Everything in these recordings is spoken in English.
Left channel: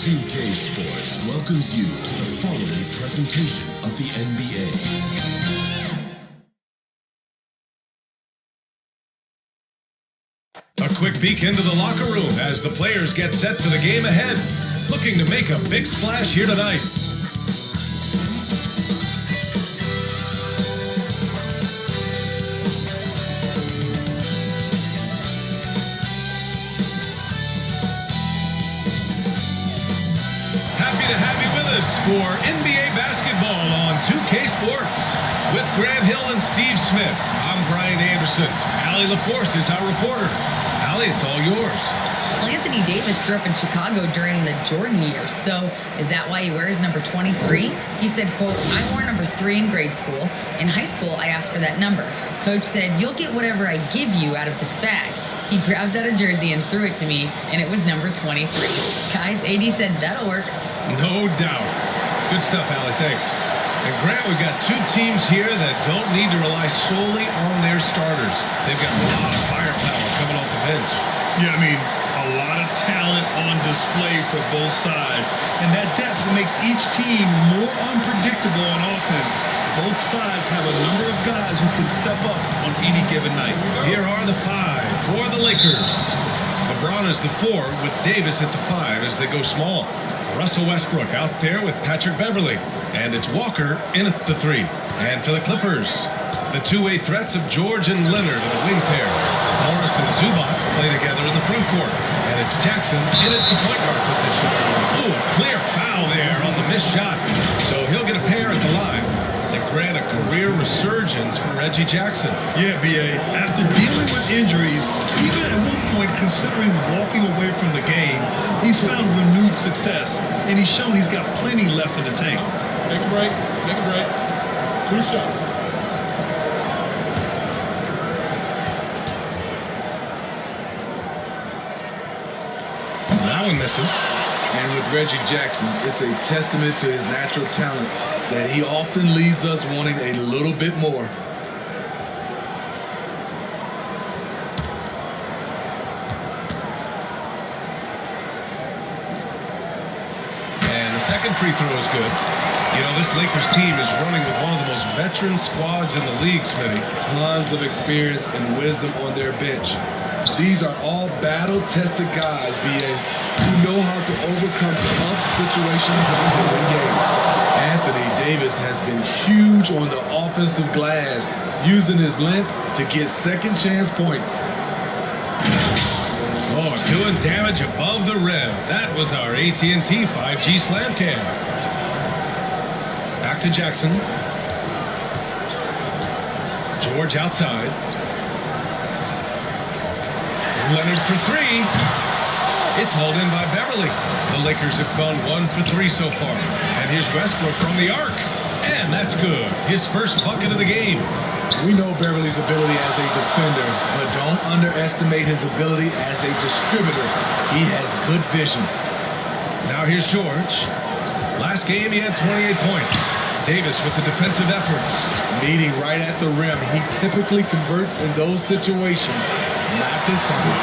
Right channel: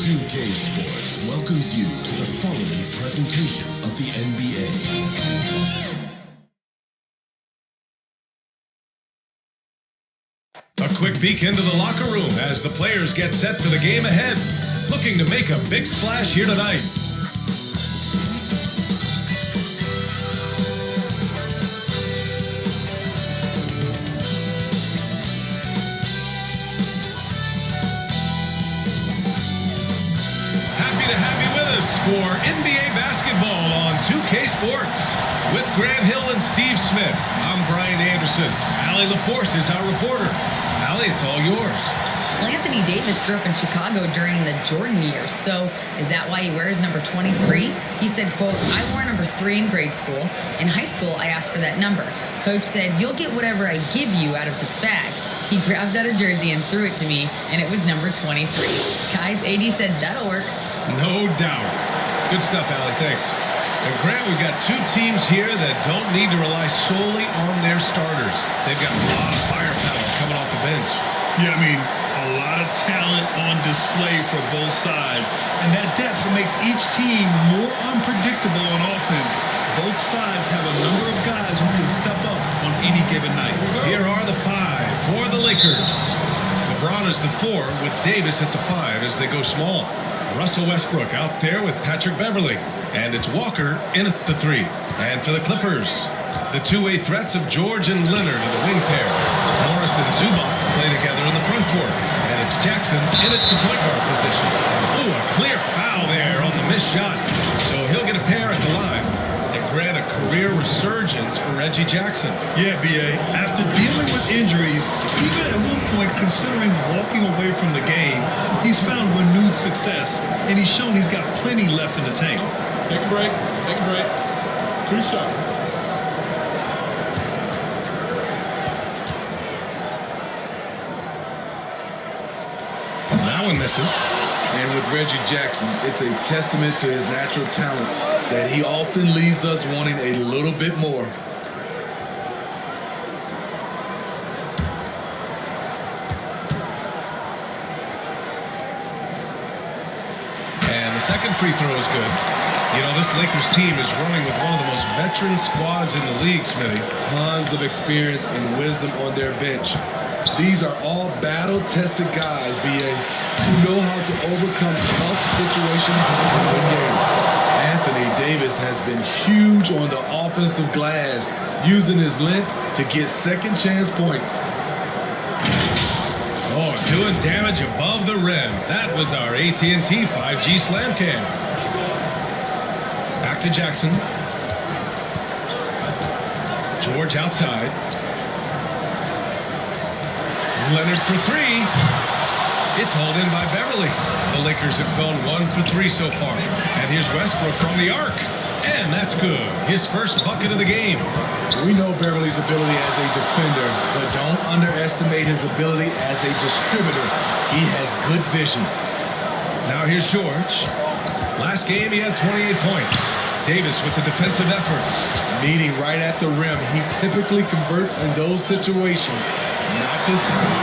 2K Sports welcomes you to the following presentation of the NBA. A quick peek into the locker room as the players get set for the game ahead, looking to make a big splash here tonight. Happy to have you with us for NBA basketball on 2K Sports. With Grant Hill and Steve Smith, I'm Brian Anderson. Allie LaForce is our reporter. Allie, it's all yours. Well, Anthony Davis grew up in Chicago during the Jordan years, so is that why he wears number 23? He said, quote, "I wore number 3 in grade school. In high school, I asked for that number. Coach said, you'll get whatever I give you out of this bag. He grabbed out a jersey and threw it to me, and it was number 23. Guys, AD said, that'll work. No doubt. Good stuff, Allie. Thanks. And Grant, we've got two teams here that don't need to rely solely on their starters. They've got a lot of firepower coming off the bench. Yeah, I mean, a lot of talent on display for both sides. And that depth makes each team more unpredictable on offense. Both sides have a number of guys who can step up on any given night. Here are the 5 for the Lakers. LeBron is the 4 with Davis at the 5 as they go small. Russell Westbrook out there with Patrick Beverly. And it's Walker in at the 3. And for the Clippers, the two-way threats of George and Leonard are the wing pair. Morris and Zubac play together in the front court. And it's Jackson in at the point guard position. Oh, a clear foul there on the missed shot. So he'll get a pair at the line. And grant a career resurgence for Reggie Jackson. Yeah, B.A., after dealing with injuries, even at one point considering walking away from the game, he's found renewed success, and he's shown he's got plenty left in the tank. Take a break. 2 shots. That one misses. And with Reggie Jackson, it's a testament to his natural talent that he often leaves us wanting a little bit more. And the second free throw is good. You know, this Lakers team is running with one of the most veteran squads in the league, Smitty. Tons of experience and wisdom on their bench. These are all battle-tested guys, B.A., who know how to overcome tough situations and win games. Anthony Davis has been huge on the offensive glass, using his length to get second chance points. Oh, doing damage above the rim. That was our AT&T 5G slam cam. Back to Jackson. George outside. Leonard for 3. It's hauled in by Beverly. The Lakers have gone 1 for 3 so far. And here's Westbrook from the arc. And that's good. His first bucket of the game. We know Beverly's ability as a defender, but don't underestimate his ability as a distributor. He has good vision. Now here's George. Last game, he had 28 points. Davis with the defensive effort. Meeting right at the rim, he typically converts in those situations. Not this time.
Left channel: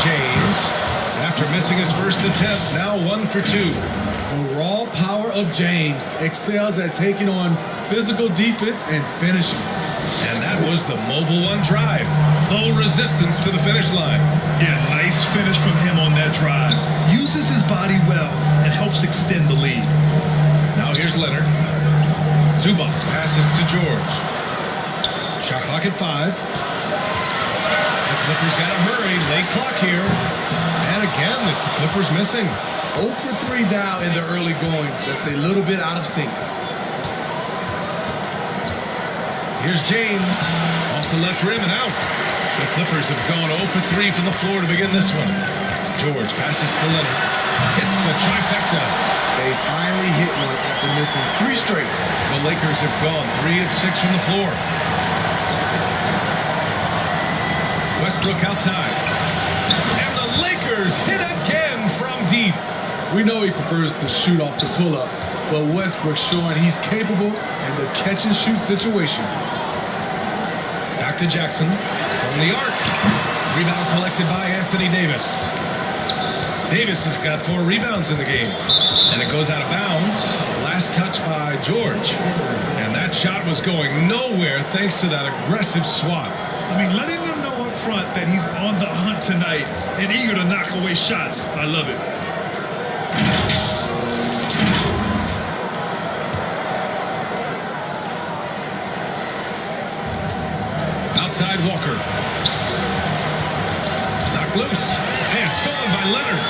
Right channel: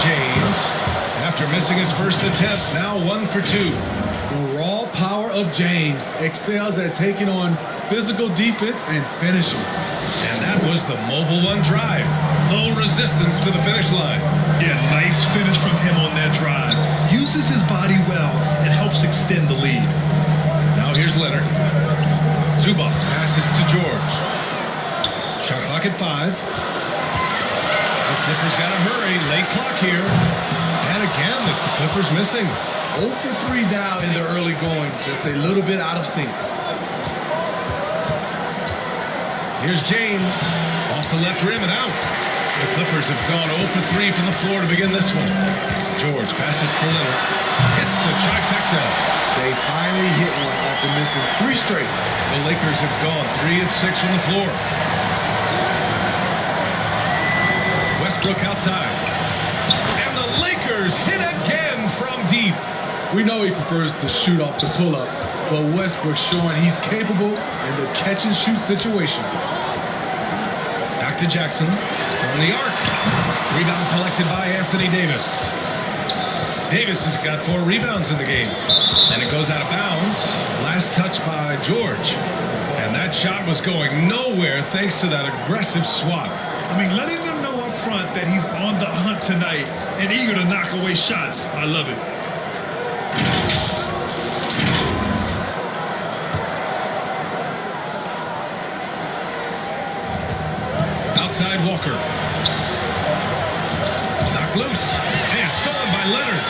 James, after missing his first attempt, now 1 for 2. The raw power of James excels at taking on physical defense and finishing. And that was the mobile 1 drive. Low resistance to the finish line. Yeah, nice finish from him on that drive. Uses his body well and helps extend the lead. Now here's Leonard. Zubac passes to George. Shot clock at 5. The Clippers got to hurry. Late clock here. And again, it's the Clippers missing. 0 for 3 now in the early going. Just a little bit out of sync. Here's James. Off the left rim and out. The Clippers have gone 0 for 3 from the floor to begin this one. George passes to Leonard. Hits the trifecta. They finally hit one after missing 3 straight. The Lakers have gone 3 of 6 from the floor. Westbrook outside. And the Lakers hit again from deep. We know he prefers to shoot off the pull-up, but Westbrook showing he's capable in the catch-and-shoot situation. Back to Jackson from the arc. Rebound collected by Anthony Davis. Davis has got 4 rebounds in the game. And it goes out of bounds. Last touch by George. And that shot was going nowhere thanks to that aggressive swat. I mean, letting them know up front that he's on the hunt tonight and eager to knock away shots. I love it. Outside Walker. Knocked loose. And stolen by Leonard.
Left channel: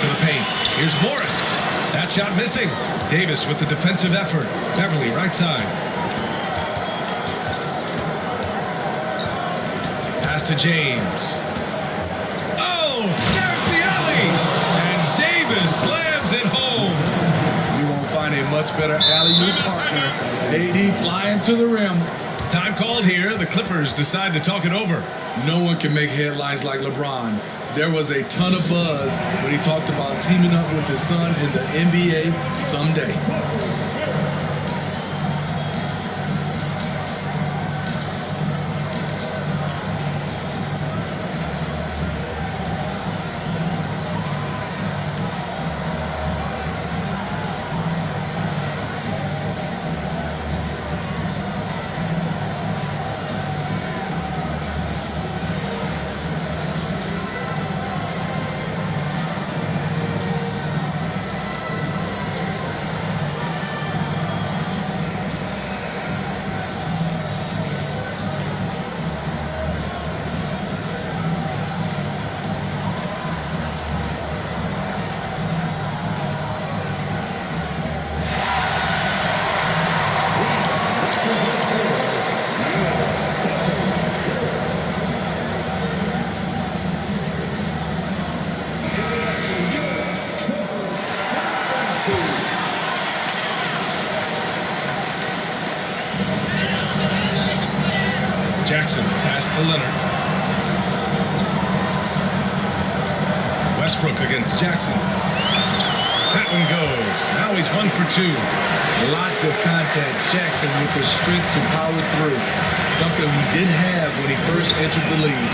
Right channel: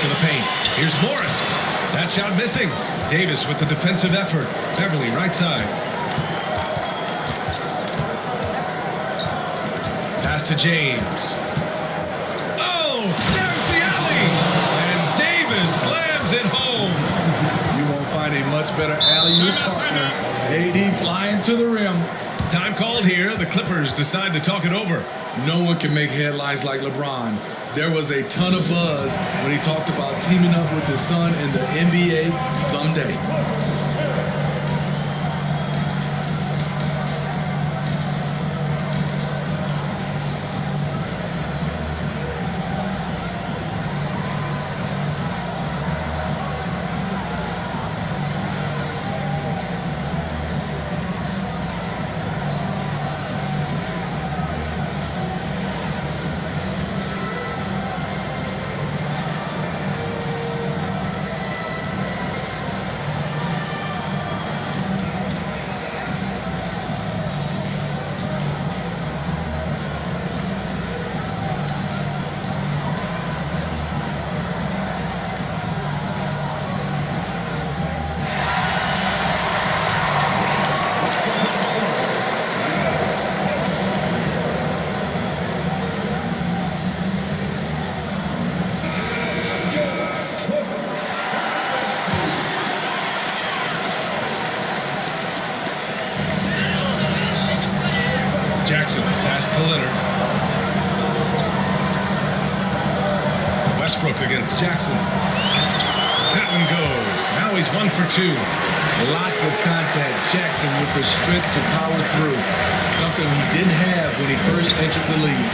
To the paint. Here's Morris. That shot missing. Davis with the defensive effort. Beverly right side. Pass to James. Oh, there's the alley. And Davis slams it home. You won't find a much better alley-oop partner. AD flying to the rim. Time called here. The Clippers decide to talk it over. No one can make headlines like LeBron. There was a ton of buzz when he talked about teaming up with his son in the NBA someday. Jackson, pass to Leonard. Westbrook against Jackson. That one goes. Now he's 1 for 2. Lots of contact. Jackson with the strength to power through. Something he didn't have when he first entered the league.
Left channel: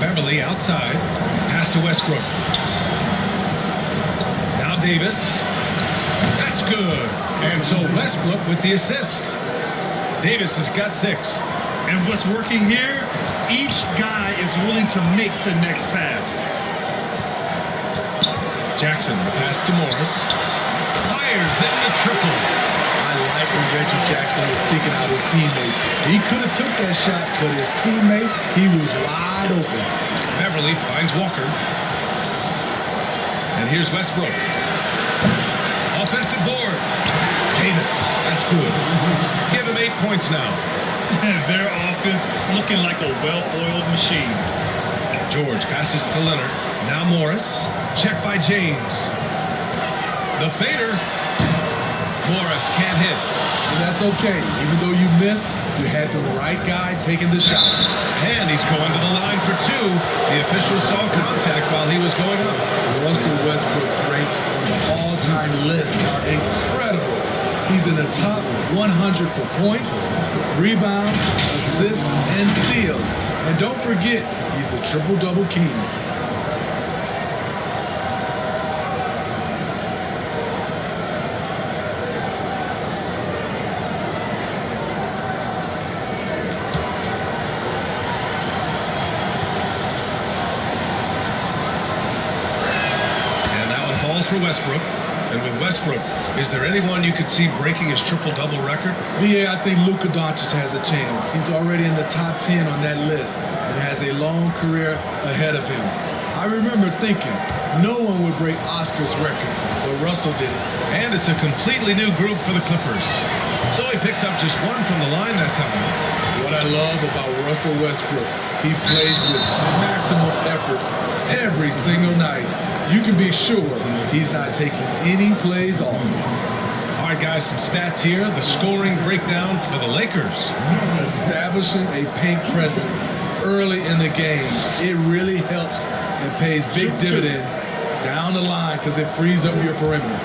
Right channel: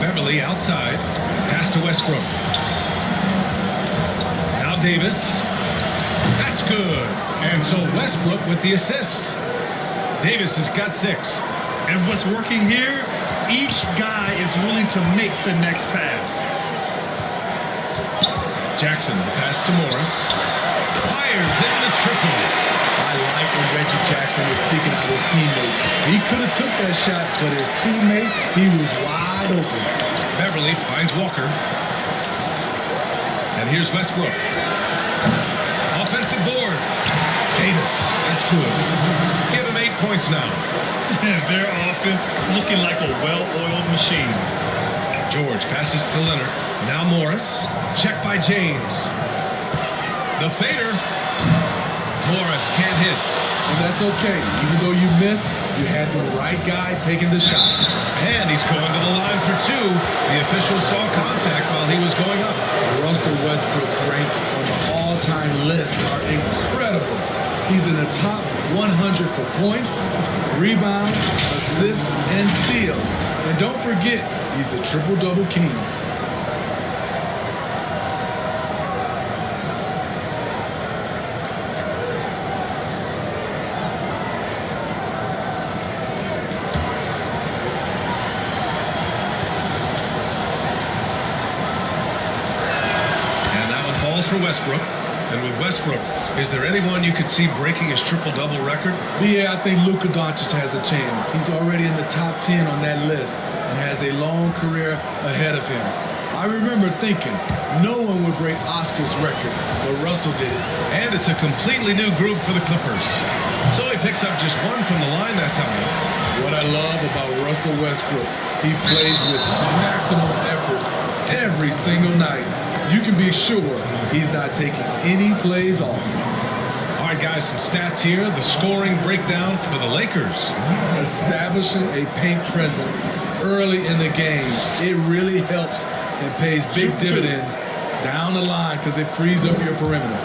Beverly outside. Pass to Westbrook. Now Davis. That's good. And so Westbrook with the assist. Davis has got 6. And what's working here? Each guy is willing to make the next pass. Jackson, the pass to Morris. Fires in the triple. I like when Reggie Jackson is seeking out his teammates. He could have took that shot, but his teammate, he was wide open. Beverly finds Walker. And here's Westbrook. Offensive board. Davis, that's good. Give him 8 points now. Their offense looking like a well-oiled machine. George passes to Leonard. Now Morris. Check by James. The fader. Morris can't hit. And that's okay. Even though you miss, you had the right guy taking the shot. And he's going to the line for 2. The official saw contact while he was going up. Russell Westbrook's ranks on the all-time list are incredible. He's in the top 100 for points, rebounds, assists, and steals. And don't forget, he's the triple-double king. And that one falls for Westbrook. And with Westbrook, is there anyone you could see breaking his triple-double record? Yeah, I think Luka Doncic has a chance. He's already in the top 10 on that list and has a long career ahead of him. I remember thinking no one would break Oscar's record, but Russell did it. And it's a completely new group for the Clippers. So he picks up just 1 from the line that time. What I love about Russell Westbrook, he plays with maximum effort every single night. You can be sure he's not taking any plays off. All right, guys, some stats here. The scoring breakdown for the Lakers. Establishing a paint presence early in the game, it really helps and pays big dividends down the line because it frees up your perimeter.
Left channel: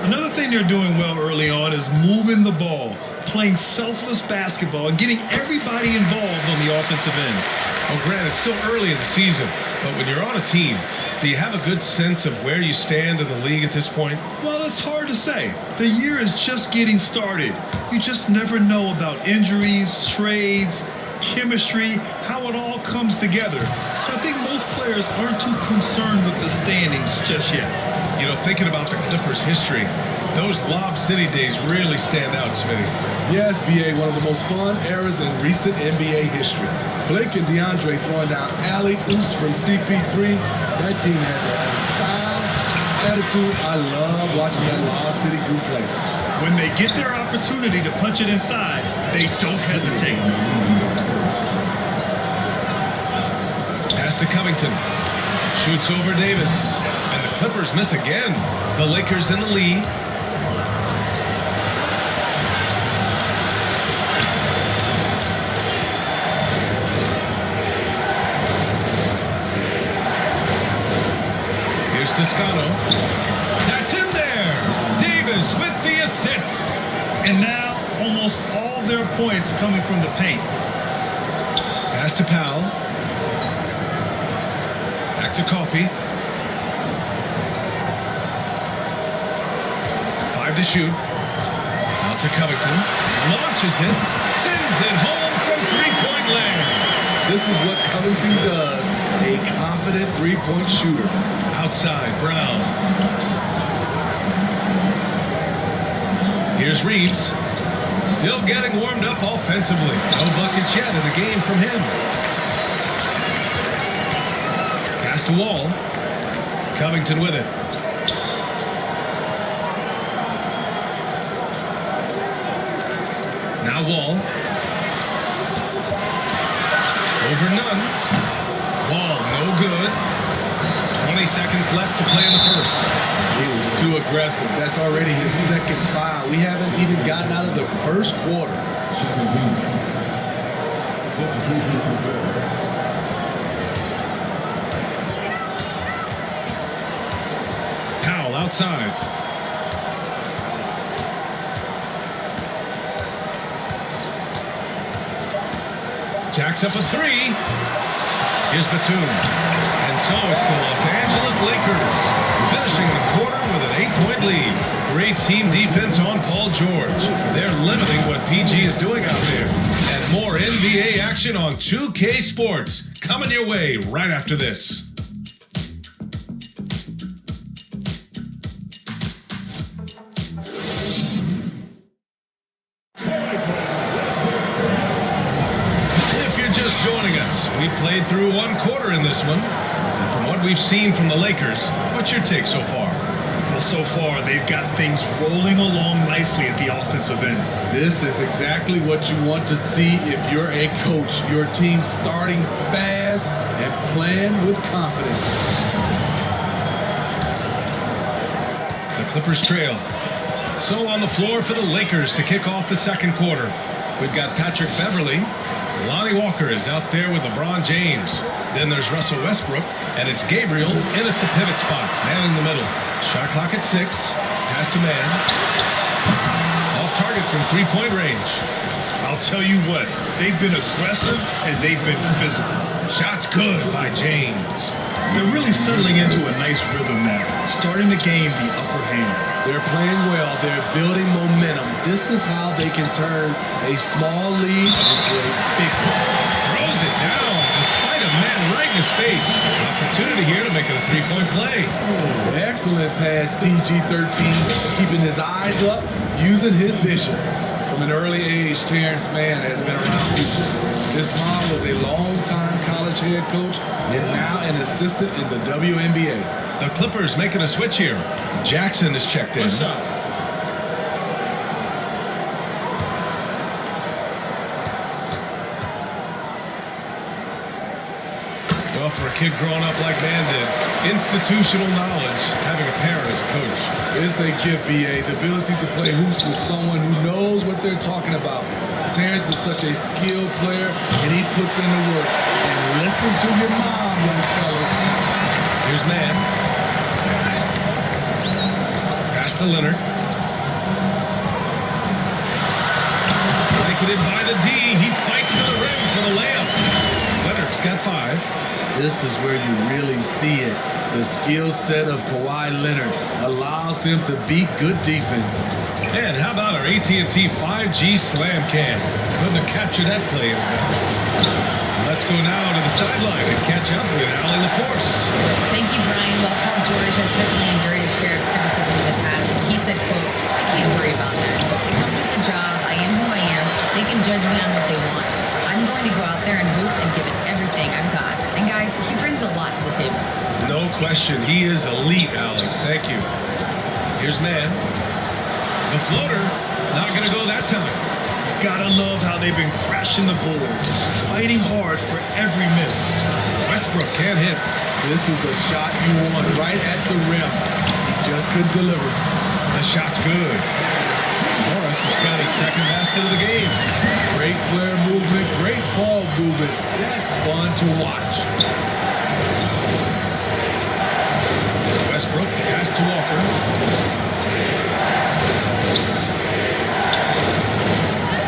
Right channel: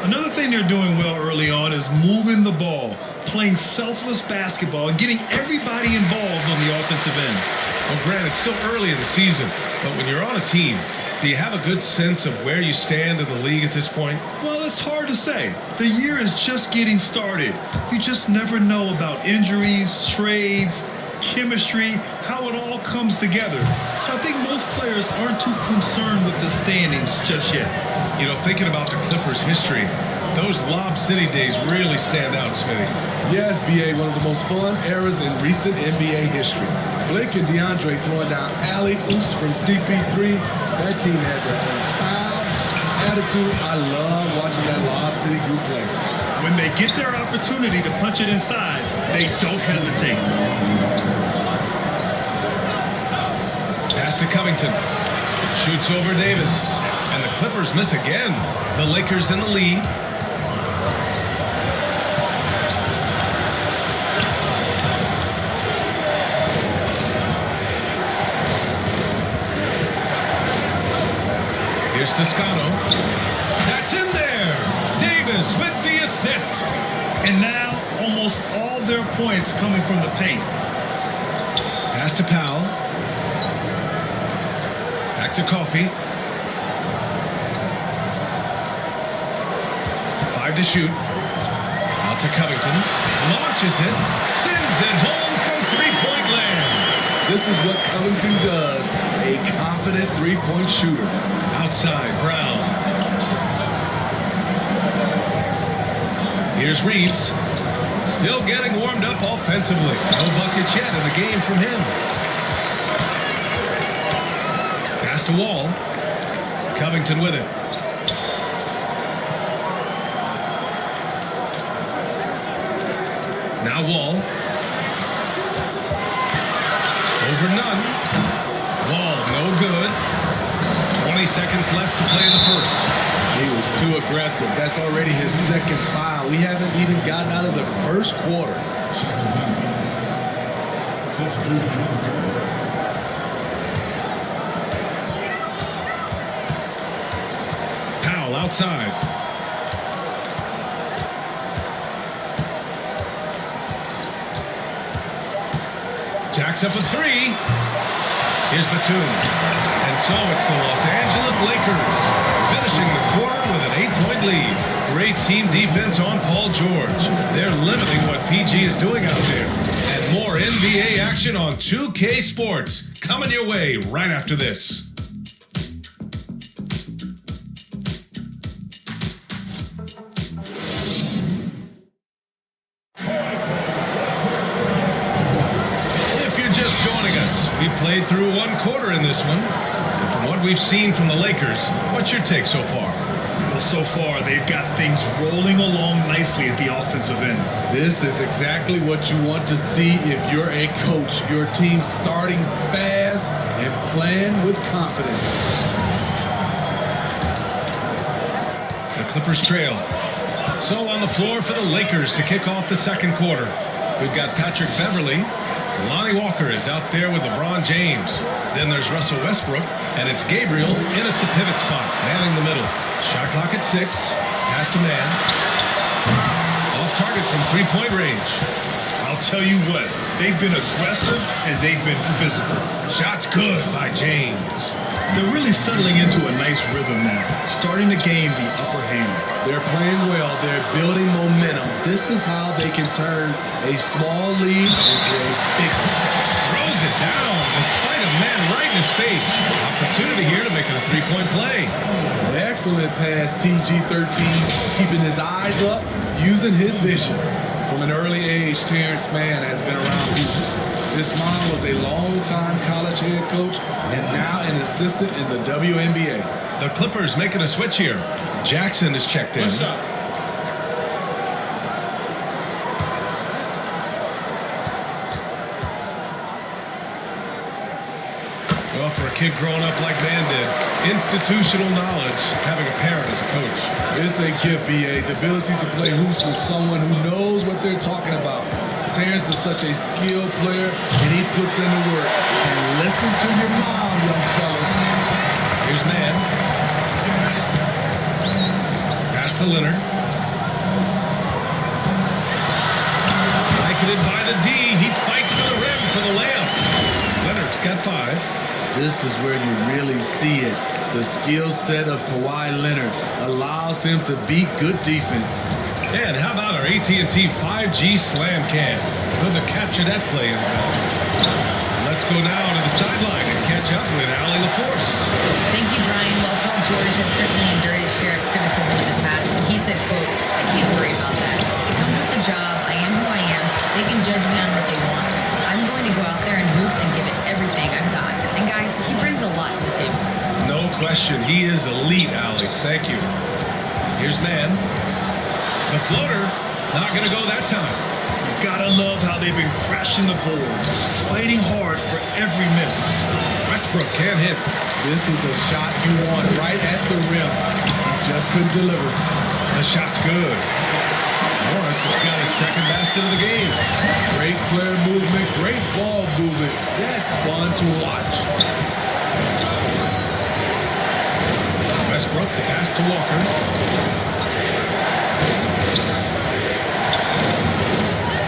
Another thing they're doing well early on is moving the ball, playing selfless basketball, and getting everybody involved on the offensive end. Well, Grant, it's still early in the season, but when you're on a team, do you have a good sense of where you stand in the league at this point? Well, it's hard to say. The year is just getting started. You just never know about injuries, trades, chemistry, how it all comes together. So I think most players aren't too concerned with the standings just yet. You know, thinking about the Clippers' history, those Lob City days really stand out, Smitty. Yes, BA, one of the most fun eras in recent NBA history. Blake and DeAndre throwing down alley-oops from CP3. That team had their own style, attitude. I love watching that Lob City group play. When they get their opportunity to punch it inside, they don't hesitate. Pass to Covington. Shoots over Davis. And the Clippers miss again. The Lakers in the lead. Here's Toscano. That's in there. Davis with the assist. And now, almost all their points coming from the paint. Pass to Powell. Back to Coffey. 5 to shoot. Out to Covington. Launches it. Sends it home from three-point land. This is what Covington does. A confident three-point shooter. Outside, Brown. Here's Reeves. Still getting warmed up offensively. No buckets yet in the game from him. Pass to Wall. Covington with it. Now Wall. Over none. Wall, no good. 20 seconds left to play in the first. He was too aggressive. That's already his second foul. We haven't even gotten out of the first quarter. Second team foul. Substitution on the floor. Powell outside. Jacks up a three. Here's Batum. And so it's the Los Angeles Lakers finishing the quarter with an 8-point lead. Great team defense on Paul George. They're limiting what PG is doing out there. And more NBA action on 2K Sports coming your way right after this. If you're just joining us, we played through one quarter in this one. And from what we've seen from the Lakers, what's your take so far? Well, so far, they've got things rolling along nicely at the offensive end. This is exactly what you want to see if you're a coach. Your team starting fast and playing with confidence. The Clippers trail. So on the floor for the Lakers to kick off the second quarter. We've got Patrick Beverly. Lonnie Walker is out there with LeBron James. Then there's Russell Westbrook, and it's Gabriel in at the pivot spot, manning the middle. Shot clock at 6. Pass to man. Off target from three-point range. I'll tell you what, they've been aggressive and they've been physical. Shot's good by James. They're really settling into a nice rhythm now, starting to gain the upper hand. They're playing well. They're building momentum. This is how they can turn a small lead into a big one. Throws it down despite a man right in his face. Opportunity here to make it a three-point play. Excellent pass, PG-13, keeping his eyes up, using his vision. From an early age, Terrence Mann has been around hoops. His mom was a long-time college head coach and now an assistant in the WNBA. The Clippers making a switch here. Jackson is checked in. What's up? Well, for a kid growing up like Man did, institutional knowledge, having a parent as a coach. It's a gift, BA, the ability to play hoops with someone who knows what they're talking about. Terrence is such a skilled player, and he puts in the work. And listen to your mom, young fellas. Here's Man. Pass to Leonard. Blanketed by the D. He fights to the rim for the layup. Leonard's got 5. This is where you really see it. The skill set of Kawhi Leonard allows him to beat good defense. And how about our AT&T 5G slam cam? Couldn't have captured that play any better. Let's go now to the sideline and catch up with Allie LaForce. Thank you, Brian. While Paul George has certainly endured his share of criticism in the past, but he said, quote, I can't worry about that. It comes with the job. I am who I am. They can judge me on what they want. I'm going to go out there and hoop and give it everything I've got. And guys, he brings a lot to the table. No question. He is elite, Allie. Thank you. Here's man. The floater, not going to go that time. You gotta love how they've been crashing the boards, fighting hard for every miss. Westbrook can't hit. This is the shot you want right at the rim. He just couldn't deliver. The shot's good. Morris has got his second basket of the game. Great player movement, great ball movement. That's fun to watch. Westbrook, the pass to Walker.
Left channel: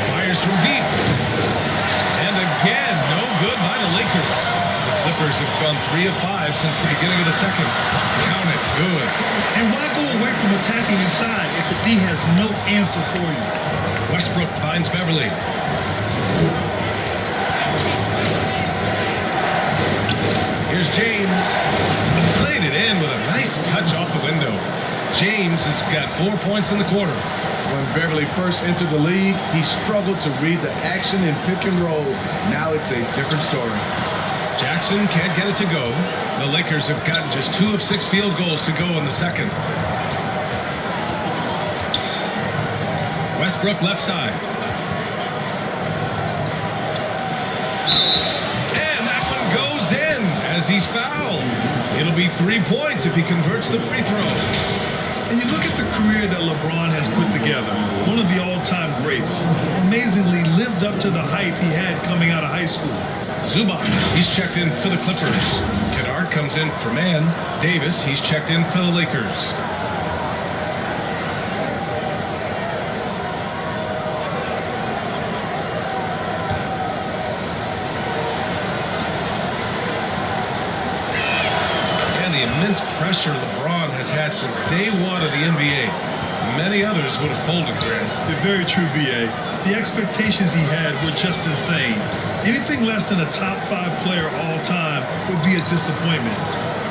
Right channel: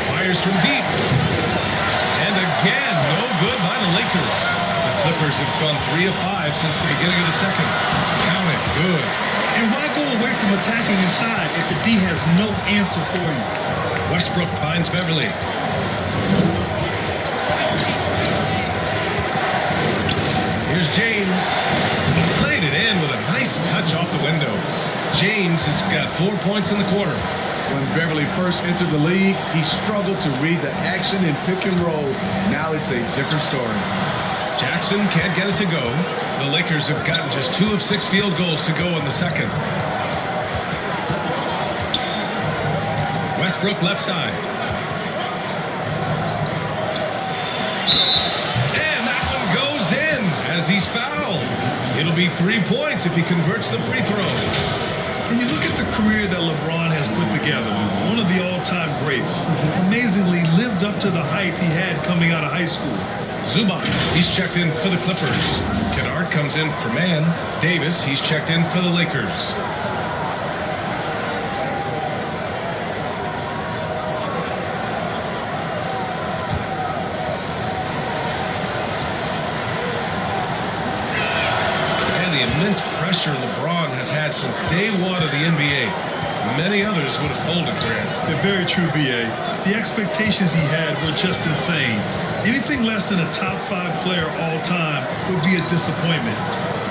Fires from deep. And again, no good by the Lakers. The Clippers have gone 3 of 5 since the beginning of the second. Count it. Good. And why go away from attacking inside if the D has no answer for you? Westbrook finds Beverly. Here's James. Played it in with a nice touch off the window. James has got 4 points in the quarter. When Beverly first entered the league, he struggled to read the action in pick and roll. Now it's a different story. Jackson can't get it to go. The Lakers have gotten just 2 of 6 field goals to go in the second. Westbrook left side. And that one goes in as he's fouled. It'll be 3 points if he converts the free throw. And you look at the career that LeBron has put together, one of the all-time greats. Amazingly lived up to the hype he had coming out of high school. Zubac, he's checked in for the Clippers. Kennard comes in for man. Davis, he's checked in for the Lakers. And the immense pressure LeBron has had since day one of the NBA. Many others would have folded, Grant. They're very true, B.A. The expectations he had were just insane. Anything less than a top 5 player all time would be a disappointment.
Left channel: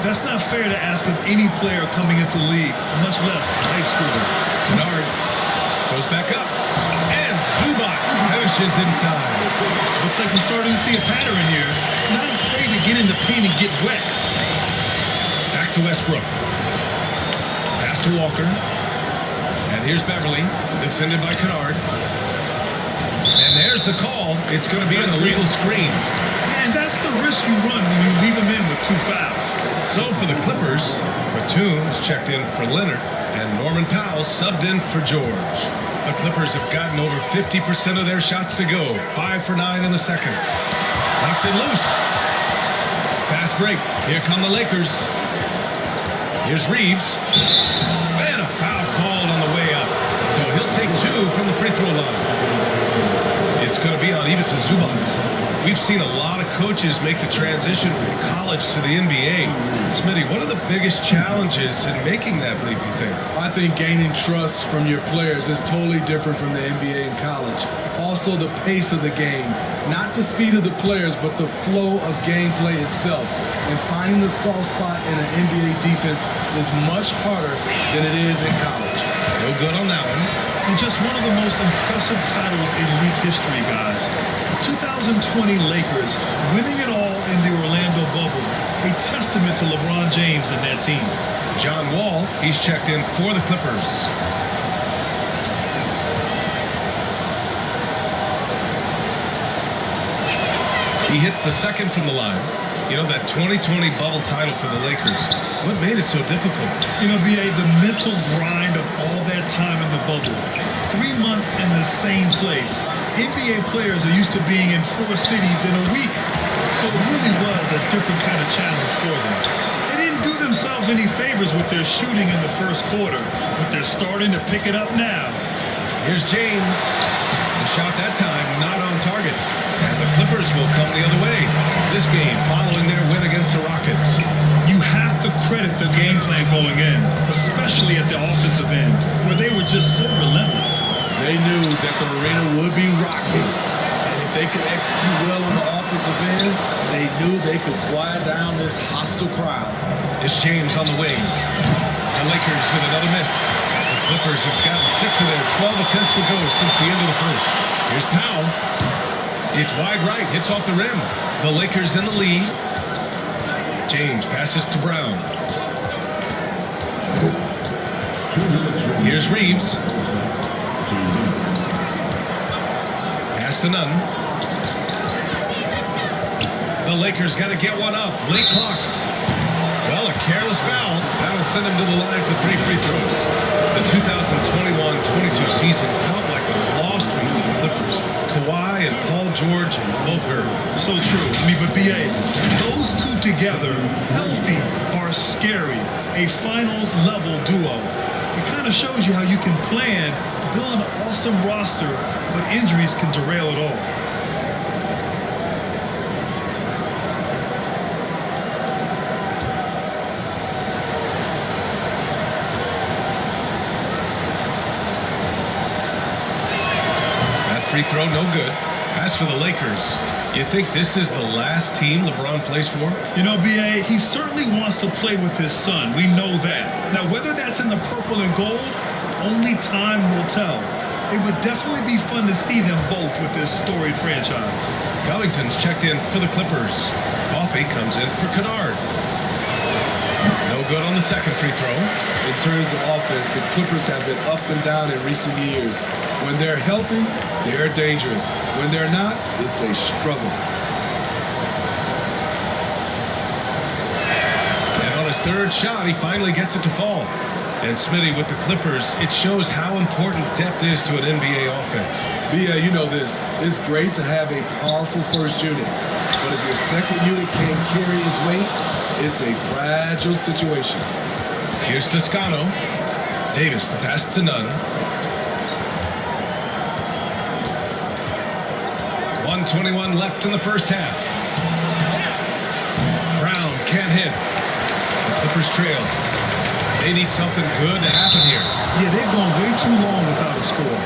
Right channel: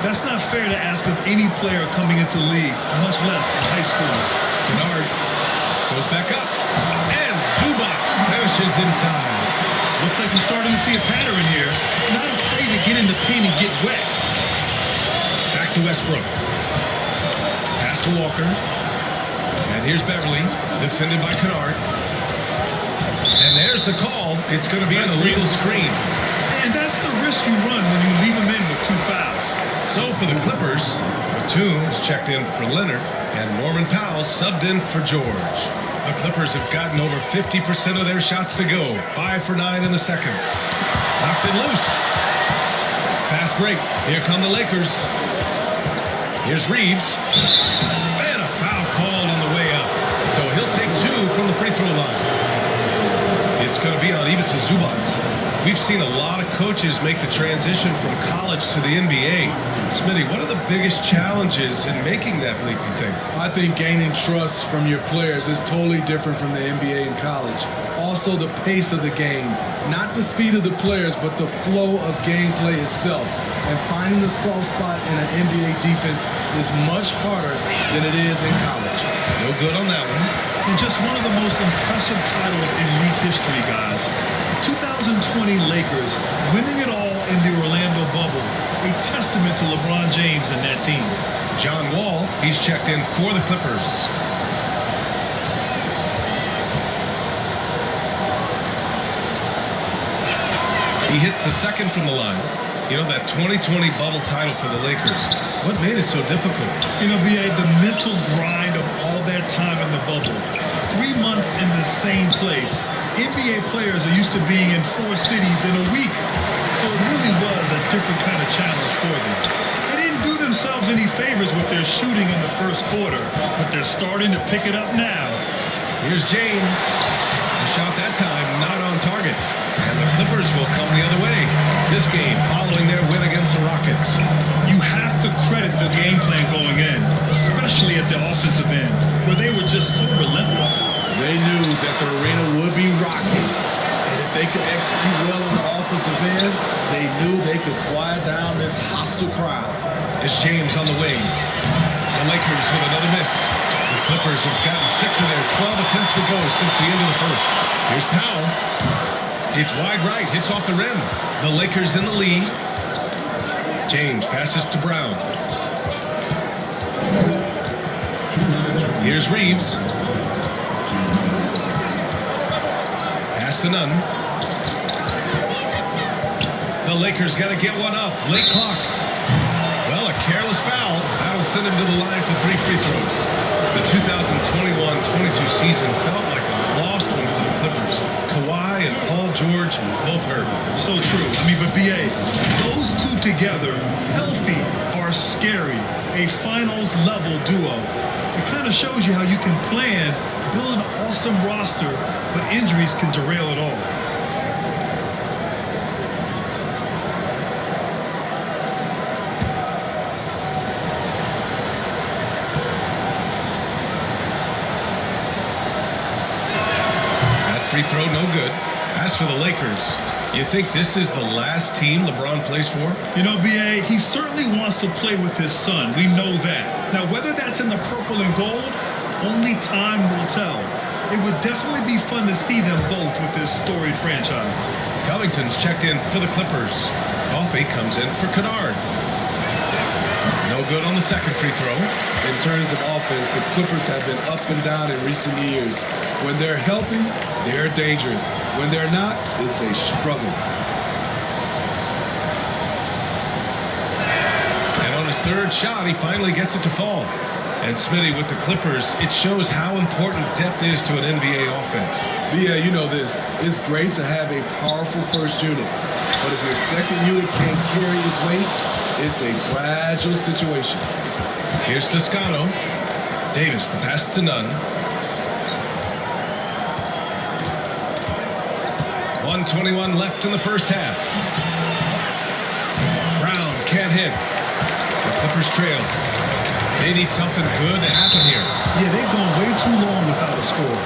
That's not fair to ask of any player coming into the league, much less a high schooler. Kennard goes back up, and Zubac finishes inside. Looks like we're starting to see a pattern here. Not afraid to get in the paint and get wet. Back to Westbrook. Pass to Walker. And here's Beverly, defended by Kennard. And there's the call. It's going to be an illegal screen. And that's the risk you run when you leave him in with 2 fouls. So for the Clippers, Batum is checked in for Leonard, and Norman Powell subbed in for George. The Clippers have gotten over 50% of their shots to go. 5 for 9 in the second. Knocks it loose. Fast break. Here come the Lakers. Here's Reeves. And a foul called on the way up. So he'll take 2 from the free throw line. It's going to be on Ivica Zubac. We've seen a lot of coaches make the transition from college to the NBA. Smitty, what are the biggest challenges in making that leap, you think? I think gaining trust from your players is totally different from the NBA and college. Also, the pace of the game. Not the speed of the players, but the flow of gameplay itself. And finding the soft spot in an NBA defense is much harder than it is in college. No good on that one. And just one of the most impressive titles in league history, guys. The 2020 Lakers winning it all in the Orlando bubble. A testament to LeBron James and that team. John Wall, he's checked in for the Clippers. He hits the second from the line. You know, that 2020 bubble title for the Lakers, what made it so difficult? You know, B.A., the mental grind of all that time in the bubble. 3 months in the same place. NBA players are used to being in 4 cities in a week. So it really was a different kind of challenge for them. They didn't do themselves any favors with their shooting in the first quarter, but they're starting to pick it up now. Here's James. The shot that time not on target. And the Clippers will come the other way. This game following their win against the Rockets. You have to credit the game plan going in, especially at the offensive end, where they were just so relentless. They knew that the arena would be rocking. And if they could execute well on the offensive end, they knew they could quiet down this hostile crowd. It's James on the wing. The Lakers with another miss. The Clippers have gotten 6 of their 12 attempts to go since the end of the first. Here's Powell. It's wide right, hits off the rim. The Lakers in the lead. James passes to Brown. Here's Reeves. Pass to Nunn. The Lakers got to get one up. Late clock. Well, a careless foul. That'll send him to the line for 3 free throws. The 2021-22 season felt like a lost one for the Clippers. Kawhi and Paul George both hurt. So true. But BA, those two together, healthy, are scary. A finals-level duo. It kind of shows you how you can plan, build an awesome roster, but injuries can derail it all. That free throw, no good. As for the Lakers, you think this is the last team LeBron plays for? BA, he certainly wants to play with his son. We know that. Now, whether that's in the purple and gold, only time will tell. It would definitely be fun to see them both with this storied franchise. Covington's checked in for the Clippers. Coffey comes in for Kennard. No good on the second free throw. In terms of offense, the Clippers have been up and down in recent years. When they're healthy, they're dangerous. When they're not, it's a struggle. And on his third shot, he finally gets it to fall. And Smitty with the Clippers, it shows how important depth is to an NBA offense. BA, you know this. It's great to have a powerful first unit. But if your second unit can't carry its weight, it's a fragile situation. Here's Toscano. Davis, the pass to Nunn. 1:21 left in the first half. Brown can't hit. The Clippers trail. They need something good to happen here. Yeah, they've gone way too long without a score.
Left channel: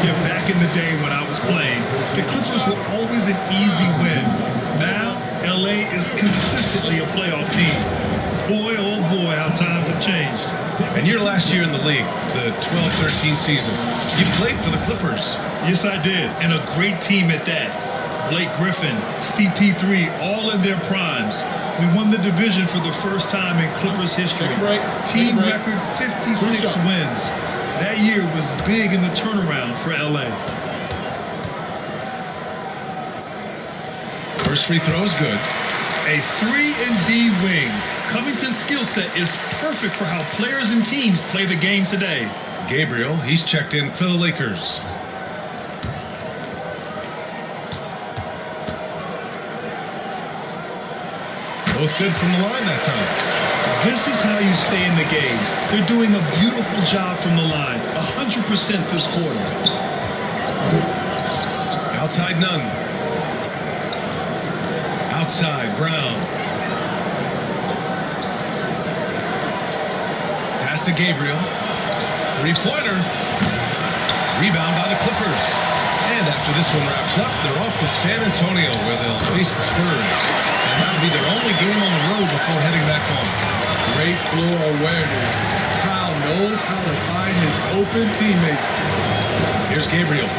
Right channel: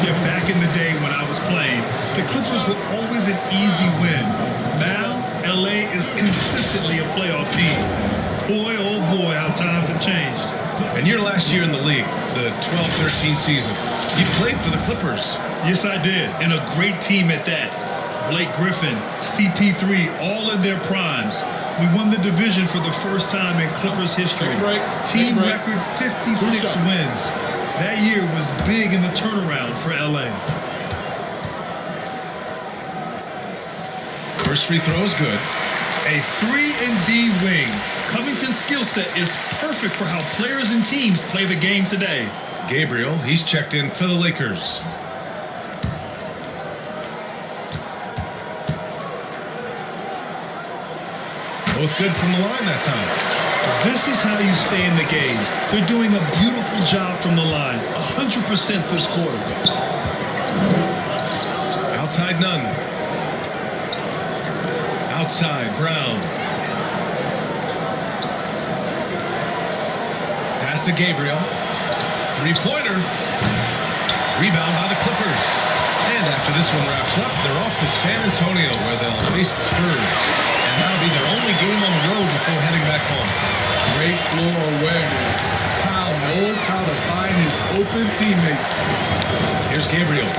Yeah, back in the day when I was playing, the Clippers were always an easy win. Now, LA is consistently a playoff team. Boy, oh boy, how times have changed. And your last year in the league, the 12-13 season, you played for the Clippers. Yes, I did, and a great team at that. Blake Griffin, CP3, all in their primes. We won the division for the first time in Clippers history. Take a break. Team record 56 wins. That year was big in the turnaround for LA. First free throw is good. A 3-and-D wing. Covington's skill set is perfect for how players and teams play the game today. Gabriel, he's checked in for the Lakers. Both good from the line that time. This is how you stay in the game. They're doing a beautiful job from the line. 100% this quarter. Outside Nunn. Outside Brown. Pass to Gabriel. Three-pointer. Rebound by the Clippers. And after this one wraps up, they're off to San Antonio where they'll face the Spurs. And that'll be their only game on the road before heading back home. Great floor awareness. Kyle knows how to find his open teammates. Here's Gabriel.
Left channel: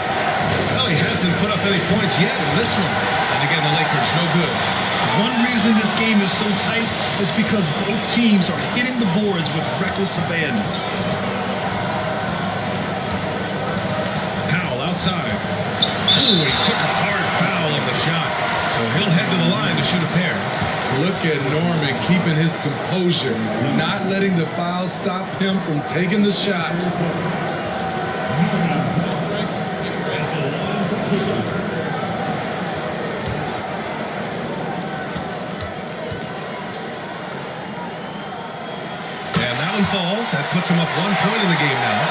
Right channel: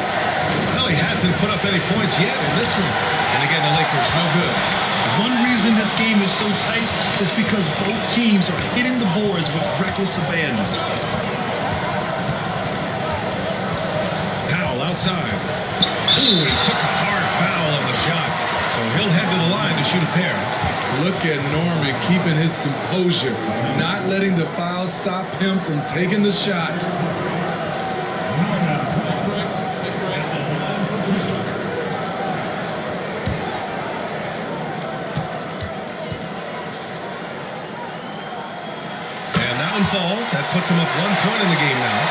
Well, he hasn't put up any points yet in this one. And again, the Lakers, no good. One reason this game is so tight is because both teams are hitting the boards with reckless abandon. Powell outside. Oh, he took a hard foul on the shot. So he'll head to the line to shoot a pair. Look at Norman keeping his composure, not letting the foul stop him from taking the shot. Take a break. Take a break. 2 shots. And And that one falls. That puts him up 1 point in the game now.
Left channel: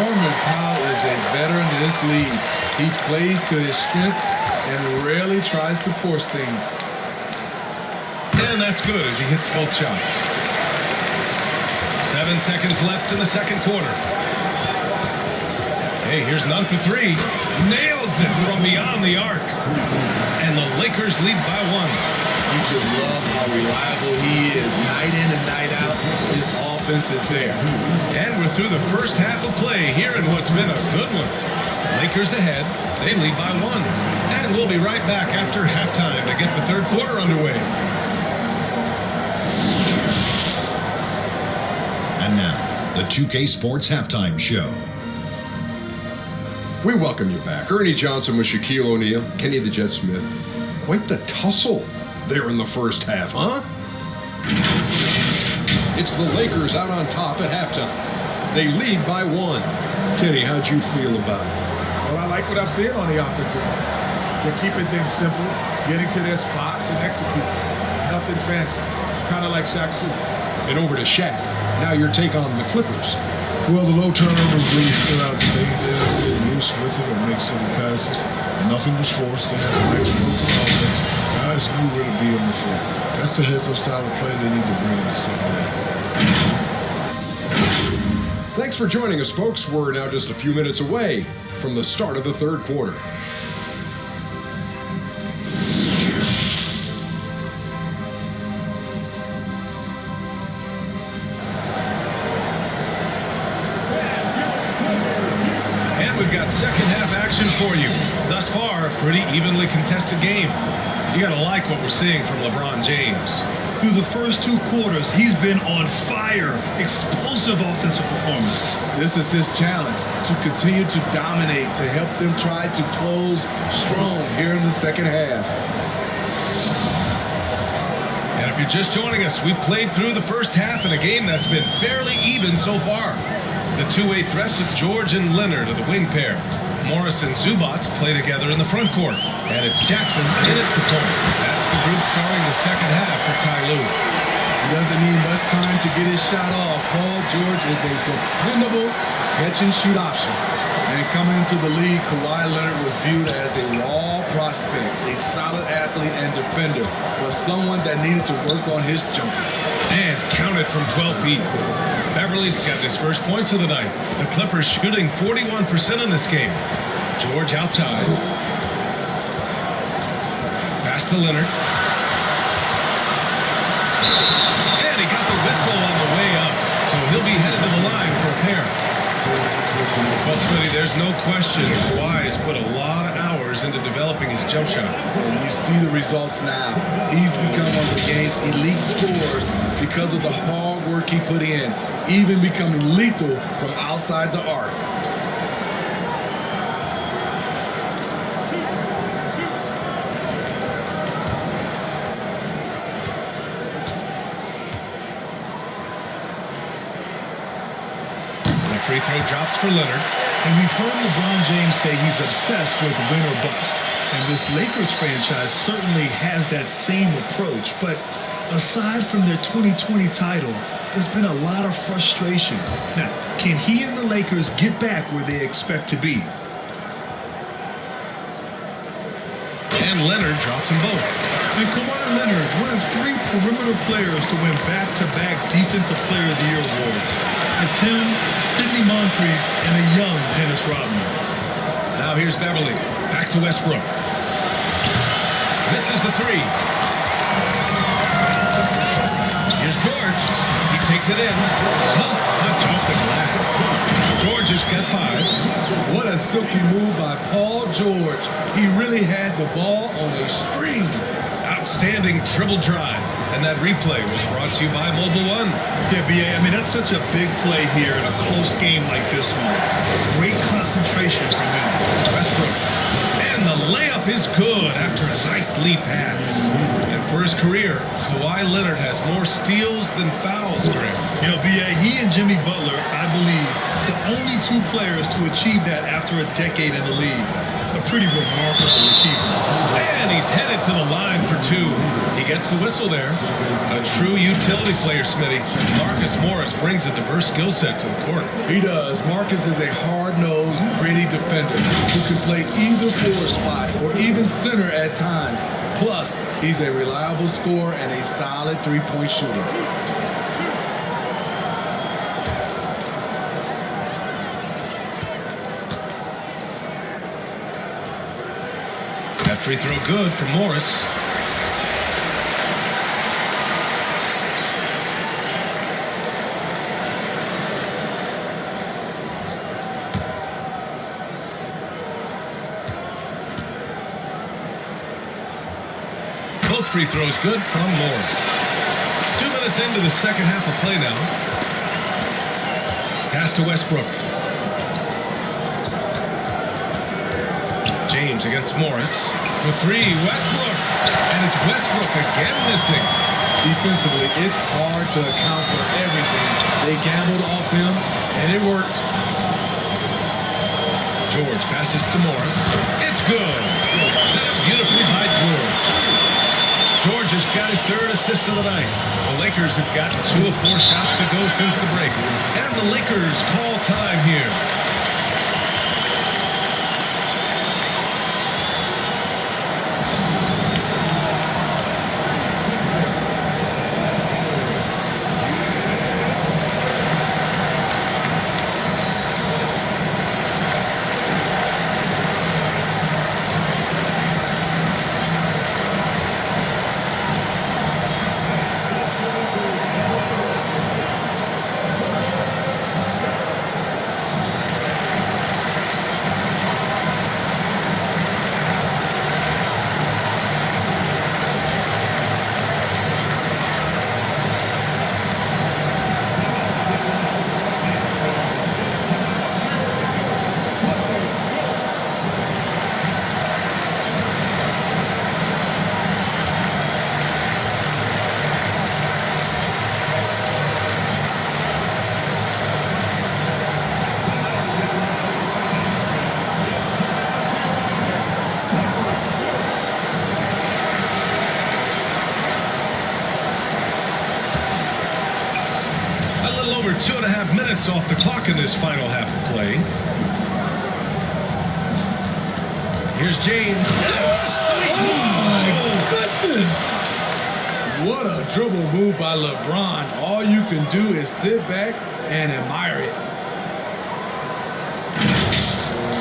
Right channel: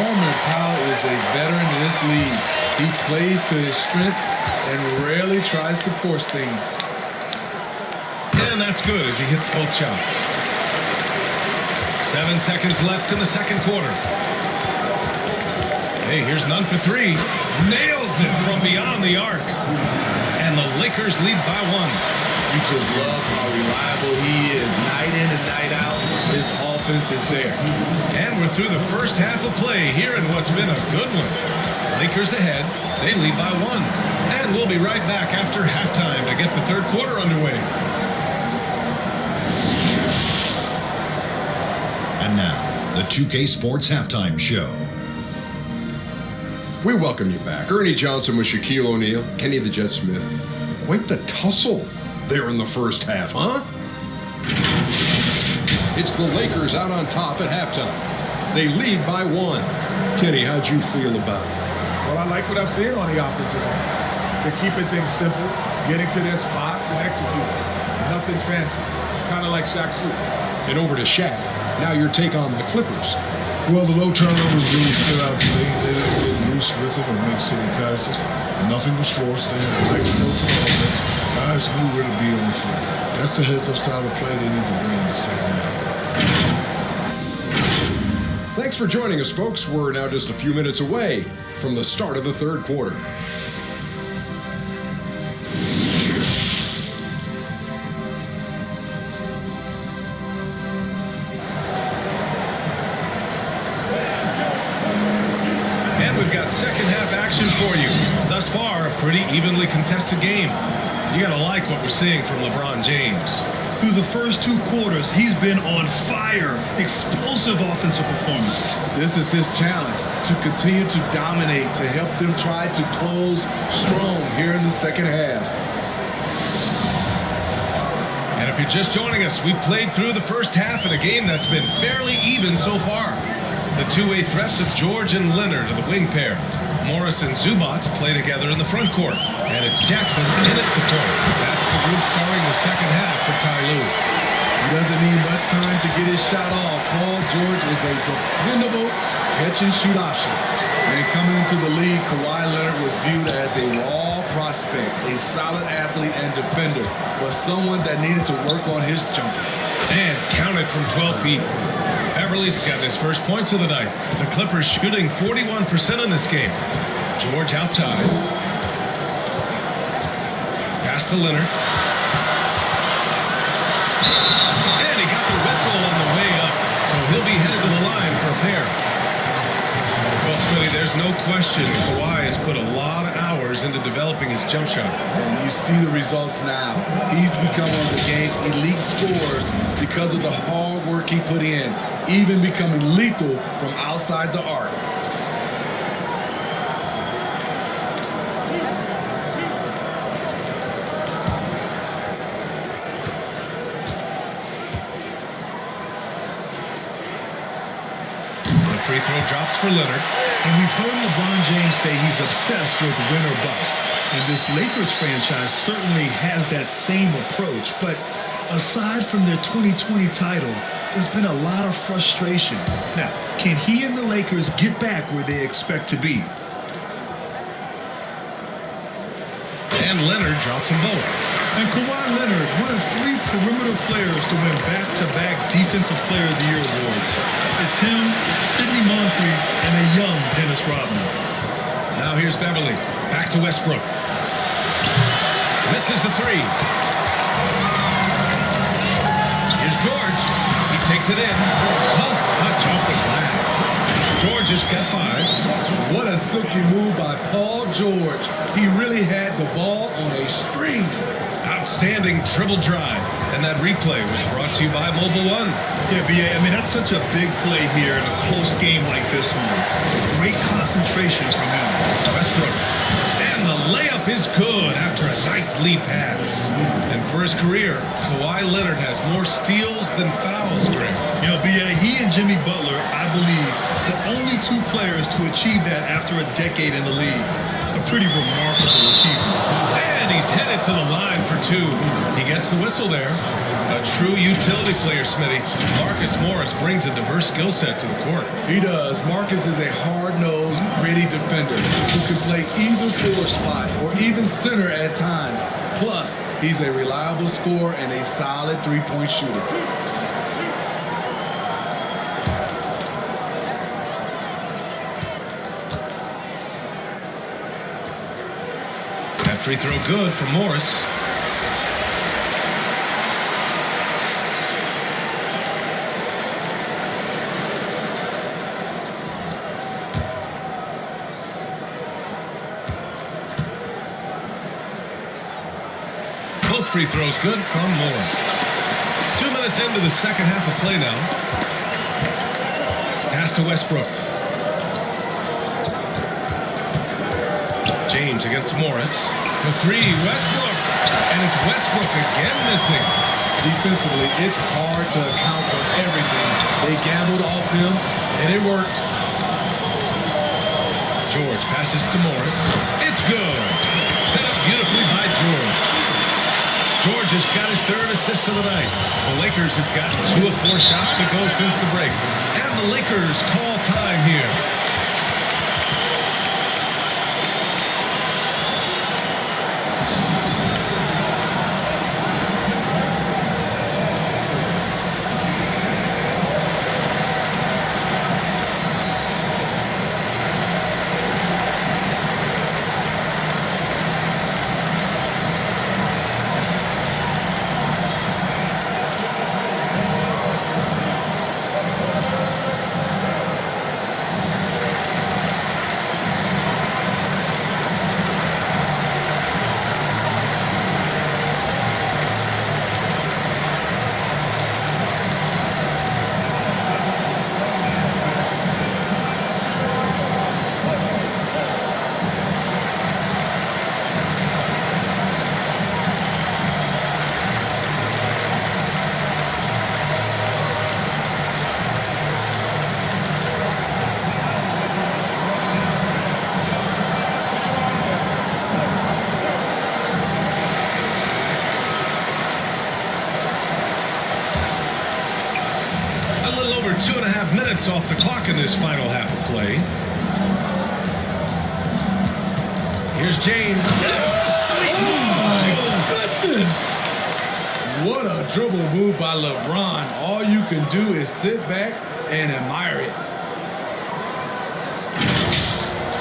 Norman Powell is a veteran in this league. He plays to his strengths and rarely tries to force things. And that's good as he hits both shots. 7 seconds left in the second quarter. Hey, here's none for three. Nails it from beyond the arc. And the Lakers lead by 1. You just love how reliable he is. Night in and night out, his offense is there. And we're through the first half of play here in what's been a good one. Lakers ahead. They lead by 1. And we'll be right back after halftime to get the third quarter underway. And now, the 2K Sports Halftime Show. We welcome you back. Ernie Johnson with Shaquille O'Neal, Kenny the Jet Smith. Quite the tussle there in the first half, huh? It's the Lakers out on top at halftime. They lead by 1. Kenny, how'd you feel about it? Well, I like what I'm seeing on the offensive end. They're keeping things simple, getting to their spots and executing. Nothing fancy. Kind of like Shaq's suit. And over to Shaq. Now your take on the Clippers. Well, the low turnovers really stood out to me. They didn't get loose with it or make silly passes. Nothing was forced. They had a nice flow to the offense. Guys knew where to be on the floor. That's the heads-up style of play they need to bring in the second half. Thanks for joining us, folks. We're now just a few minutes away from the start of the third quarter. We've got second half action for you. Thus far, a pretty evenly contested game. You gotta like what we're seeing from LeBron James. Through the first 2 quarters, he's been on fire. Explosive offensive performance. This is his challenge, to continue to dominate, to help them try to close strong here in the second half. And if you're just joining us, we played through the first half in a game that's been fairly even so far. The two-way threats of George and Leonard are the wing pair. Morris and Zubats play together in the front court. And it's Jackson in at the point. That's the group starting the second half for Ty Lue. He doesn't need much time to get his shot off. Paul George is a dependable catch-and-shoot option. And coming into the league, Kawhi Leonard was viewed as a raw prospect, a solid athlete and defender, but someone that needed to work on his jumper. And counted from 12 feet. Beverly's got his first points of the night. The Clippers shooting 41% in this game. George outside. Pass to Leonard. And he got the whistle on the way up. So he'll be headed to the line for a pair. Well, Smitty, there's no question Kawhi has put a lot of hours into developing his jump shot. And you see the results now. He's become one of the game's elite scorers because of the hard work he put in, even becoming lethal from outside the arc. Free throw drops for Leonard. And we've heard LeBron James say he's obsessed with win or bust. And this Lakers franchise certainly has that same approach. But aside from their 2020 title, there's been a lot of frustration. Now, can he and the Lakers get back where they expect to be? And Leonard drops them both. And Kawhi Leonard, one of 3 perimeter players to win back-to-back Defensive Player of the Year awards. It's him, Sidney Moncrief, and a young Dennis Rodman. Now here's Beverly. Back to Westbrook. Misses the 3. Here's George. He takes it in. Soft touch off the glass. George has got 5. What a silky move by Paul George. He really had the ball on a string. Outstanding dribble drive. And that replay was brought to you by Mobile One. Yeah, B.A., I mean, that's such a big play here in a close game like this one. Great concentration from him. Westbrook. And the layup is good after a nice lead pass. And for his career, Kawhi Leonard has more steals than fouls, Greg. You know, B.A., he and Jimmy Butler, I believe, the only 2 players to achieve that after a decade in the league. A pretty remarkable achievement. And he's headed to the line for 2. He gets the whistle there. A true utility player, Smitty. Marcus Morris brings a diverse skill set to the court. He does. Marcus is a hard-nosed, gritty defender who can play either forward spot or even center at times. Plus, he's a reliable scorer and a solid three-point shooter. That free throw good for Morris. Both free throws good from Morris. 2 minutes into the second half of play now. Pass to Westbrook. James against Morris. For three, Westbrook. And it's Westbrook again missing. Defensively, it's hard to account for everything. They gambled off him, and it worked. George passes to Morris. It's good. Set up beautifully by George. George has got his third assist of the night. The Lakers have gotten 2 of 4 shots to go since the break. And the Lakers call time here. A little over 2.5 minutes off the clock in this final half of play. Here's James. Oh my goodness! What a dribble move by LeBron. All you can do is sit back and admire it.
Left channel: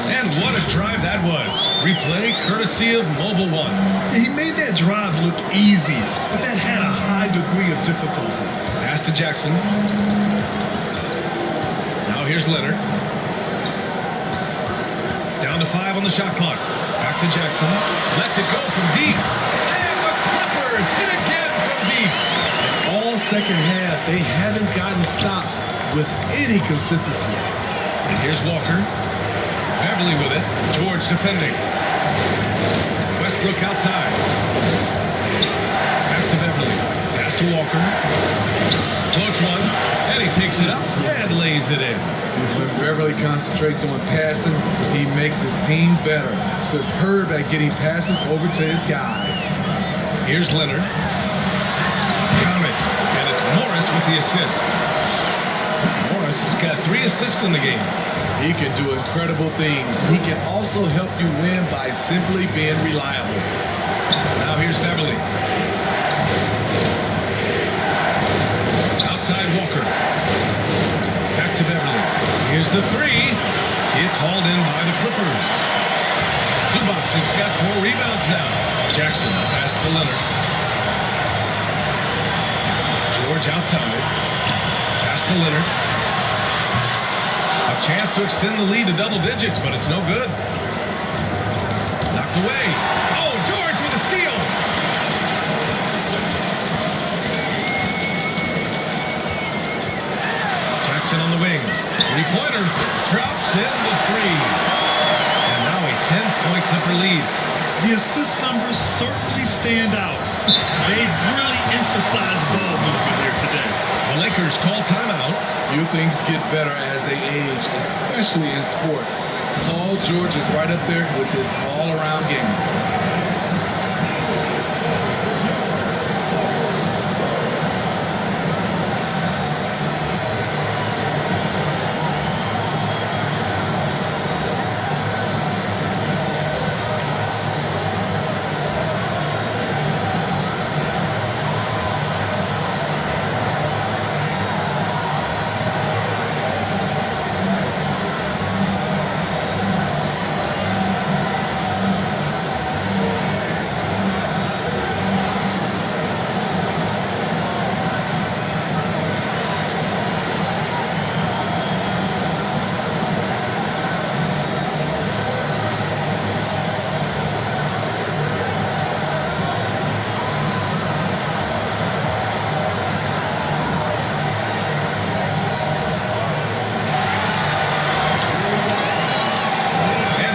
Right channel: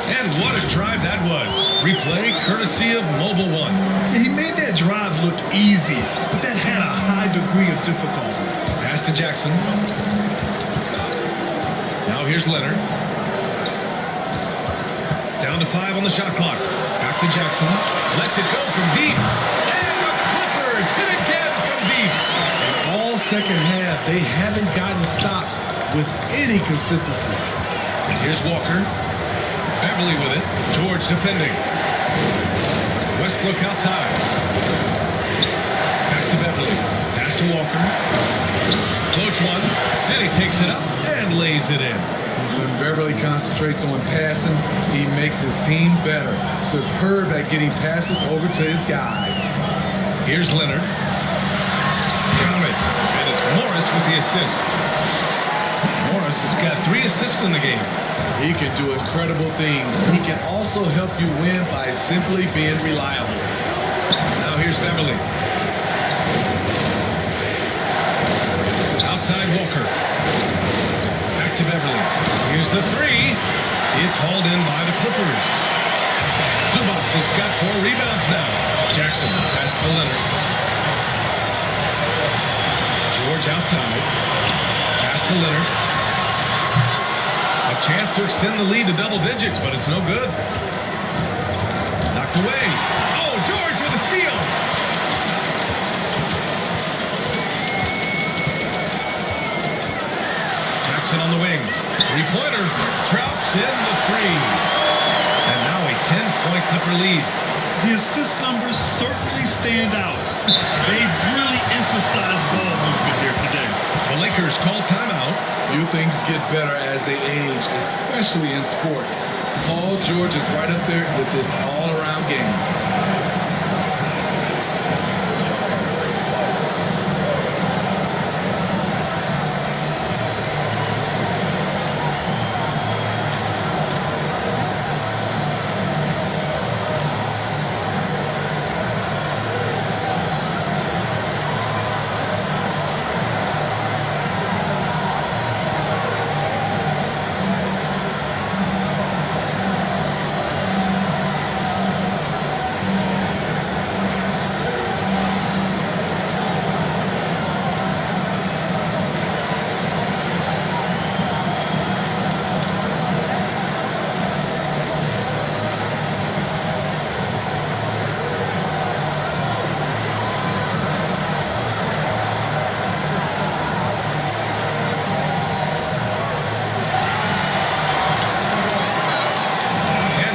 And what a drive that was. Replay courtesy of Mobile One. He made that drive look easy, but that had a high degree of difficulty. Pass to Jackson. Now here's Leonard. Down to 5 on the shot clock. Back to Jackson. Lets it go from deep. And the Clippers hit again from deep. In all second half, they haven't gotten stops with any consistency. And here's Walker. Beverly with it. George defending. Westbrook outside. Back to Beverly. Pass to Walker. Floats one. And he takes it up and lays it in. When Beverly concentrates on passing, he makes his team better. Superb at getting passes over to his guys. Here's Leonard. Count it. And it's Morris with the assist. Morris has got 3 assists in the game. He can do incredible things. He can also help you win by simply being reliable. Now here's Beverly. Outside Walker. Back to Beverly. Here's the 3. It's hauled in by the Clippers. Zubac has got 4 rebounds now. Jackson pass to Leonard. George outside. Pass to Leonard. A chance to extend the lead to double digits, but it's no good. Knocked away. Oh, George with a steal. Jackson on the wing. 3-pointer. Drops in the 3. And now a 10-point Clipper lead. The assist numbers certainly stand out. They've really emphasized ball movement here today. The Lakers call timeout. Few things get better as they age, especially in sports. Paul George is right up there with this all-around game.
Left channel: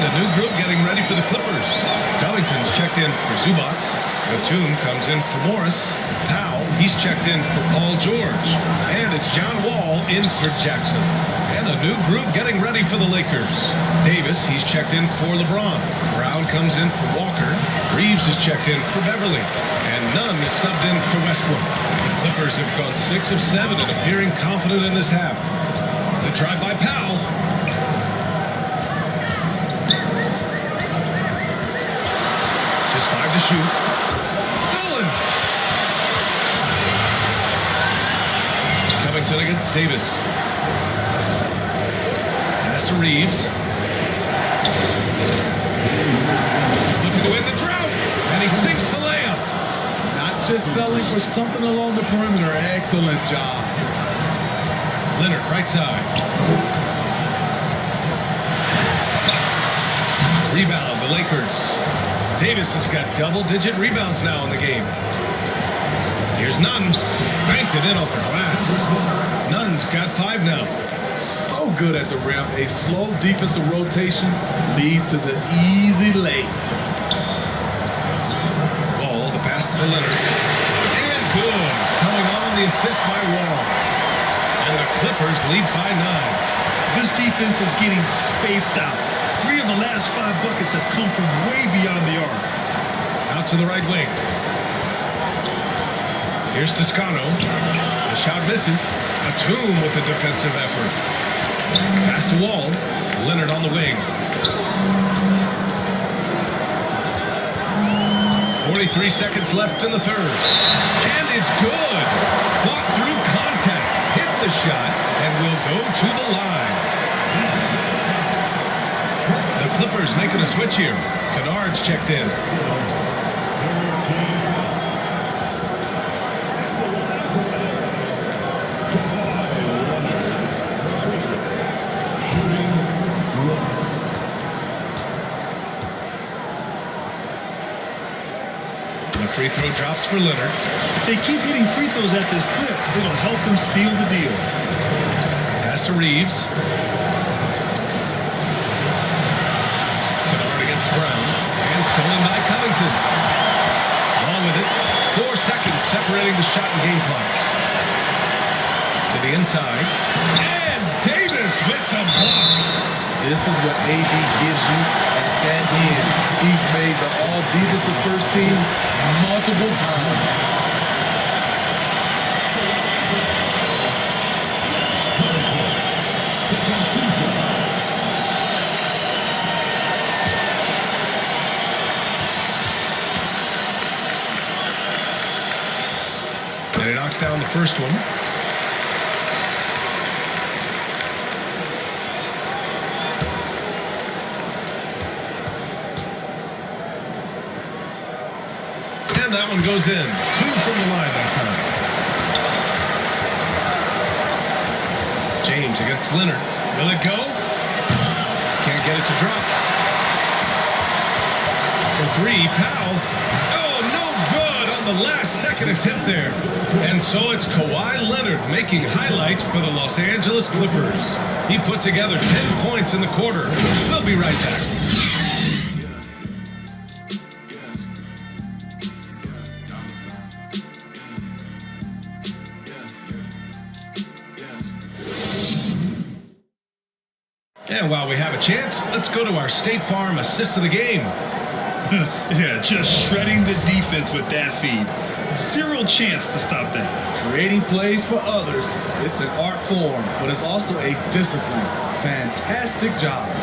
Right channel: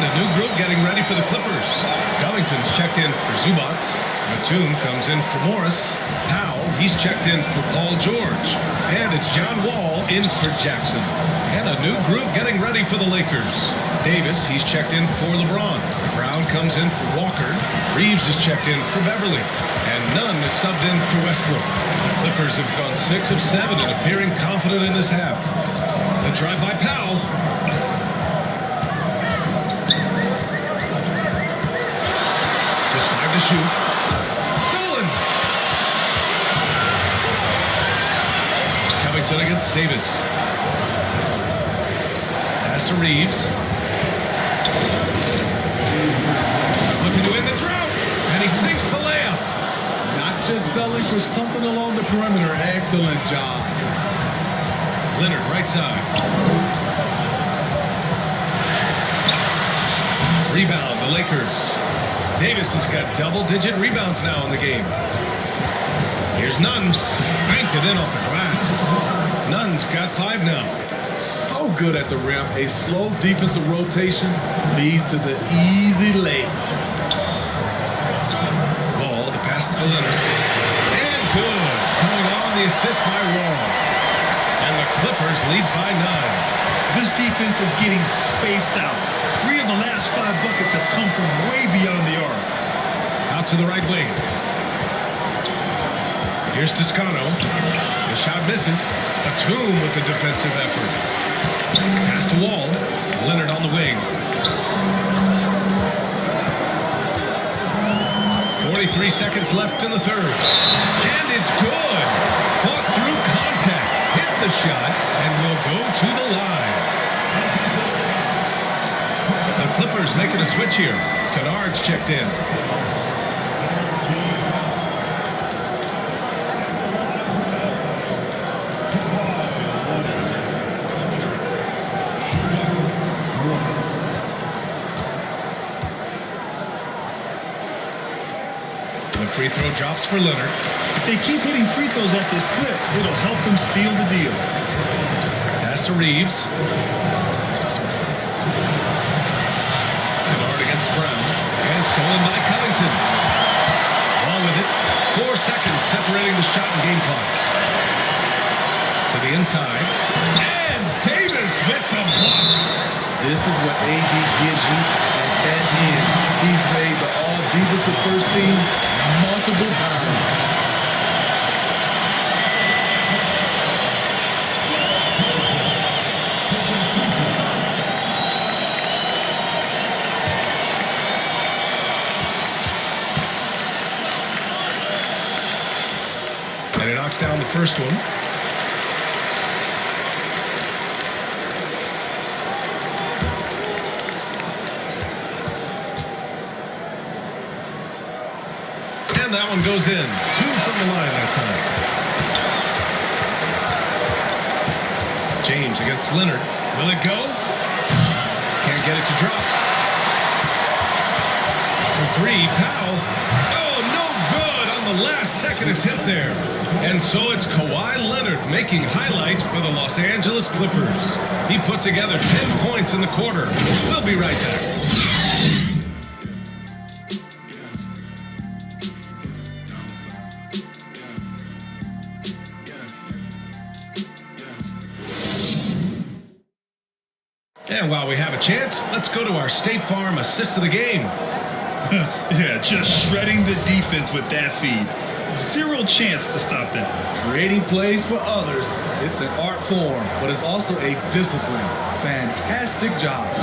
And a new group getting ready for the Clippers. Covington's checked in for Zubats. Batum comes in for Morris. Powell, he's checked in for Paul George. And it's John Wall in for Jackson. And a new group getting ready for the Lakers. Davis, he's checked in for LeBron. Brown comes in for Walker. Reeves is checked in for Beverly. And Nunn is subbed in for Westbrook. The Clippers have gone 6 of 7 and appearing confident in this half. The drive by Powell. Just 5 to shoot. Stolen. Covington against Davis. Pass to Reeves. Looking to win the drought. And he sinks the layup. Not just selling for something along the perimeter. Excellent job. Leonard, right side. Rebound, the Lakers. Davis has got double-digit rebounds now in the game. Here's Nunn. Banked it in off the glass. Nunn's got 5 now. So good at the rim. A slow defensive rotation leads to the easy lay. Wall, the pass to Leonard. And good. Coming on the assist by Wall. And the Clippers lead by 9. This defense is getting spaced out. 3 of the last 5 buckets have come from way beyond the arc. Out to the right wing. Here's Toscano. The shot misses. Batum with the defensive effort. Pass to Wall. Leonard on the wing. 43 seconds left in the third. And it's good. Fought through contact. Hit the shot and will go to the line. The Clippers making a switch here. Kennard's checked in. The free throw drops for Leonard. If they keep hitting free throws at this clip, it'll help them seal the deal. Pass to Reeves. Kennard against Brown. And stolen by Covington. Wall with it. 4 seconds separating the shot and game clocks. To the inside. And Davis with the block. This is what AD gives you at that end. He's made the all-defensive first team multiple times. And he knocks down the first one. And that one goes in. 2 from the line that time. James against Leonard. Will it go? Can't get it to drop. For 3, Powell. Oh, no good on the last second attempt there. And so it's Kawhi Leonard making highlights for the Los Angeles Clippers. He put together 10 points in the quarter. We'll be right back. And while we have a chance, let's go to our State Farm assist of the game. Yeah, just shredding the defense with that feed. 0 chance to stop that. Creating plays for others, it's an art form, but it's also a discipline. Fantastic job.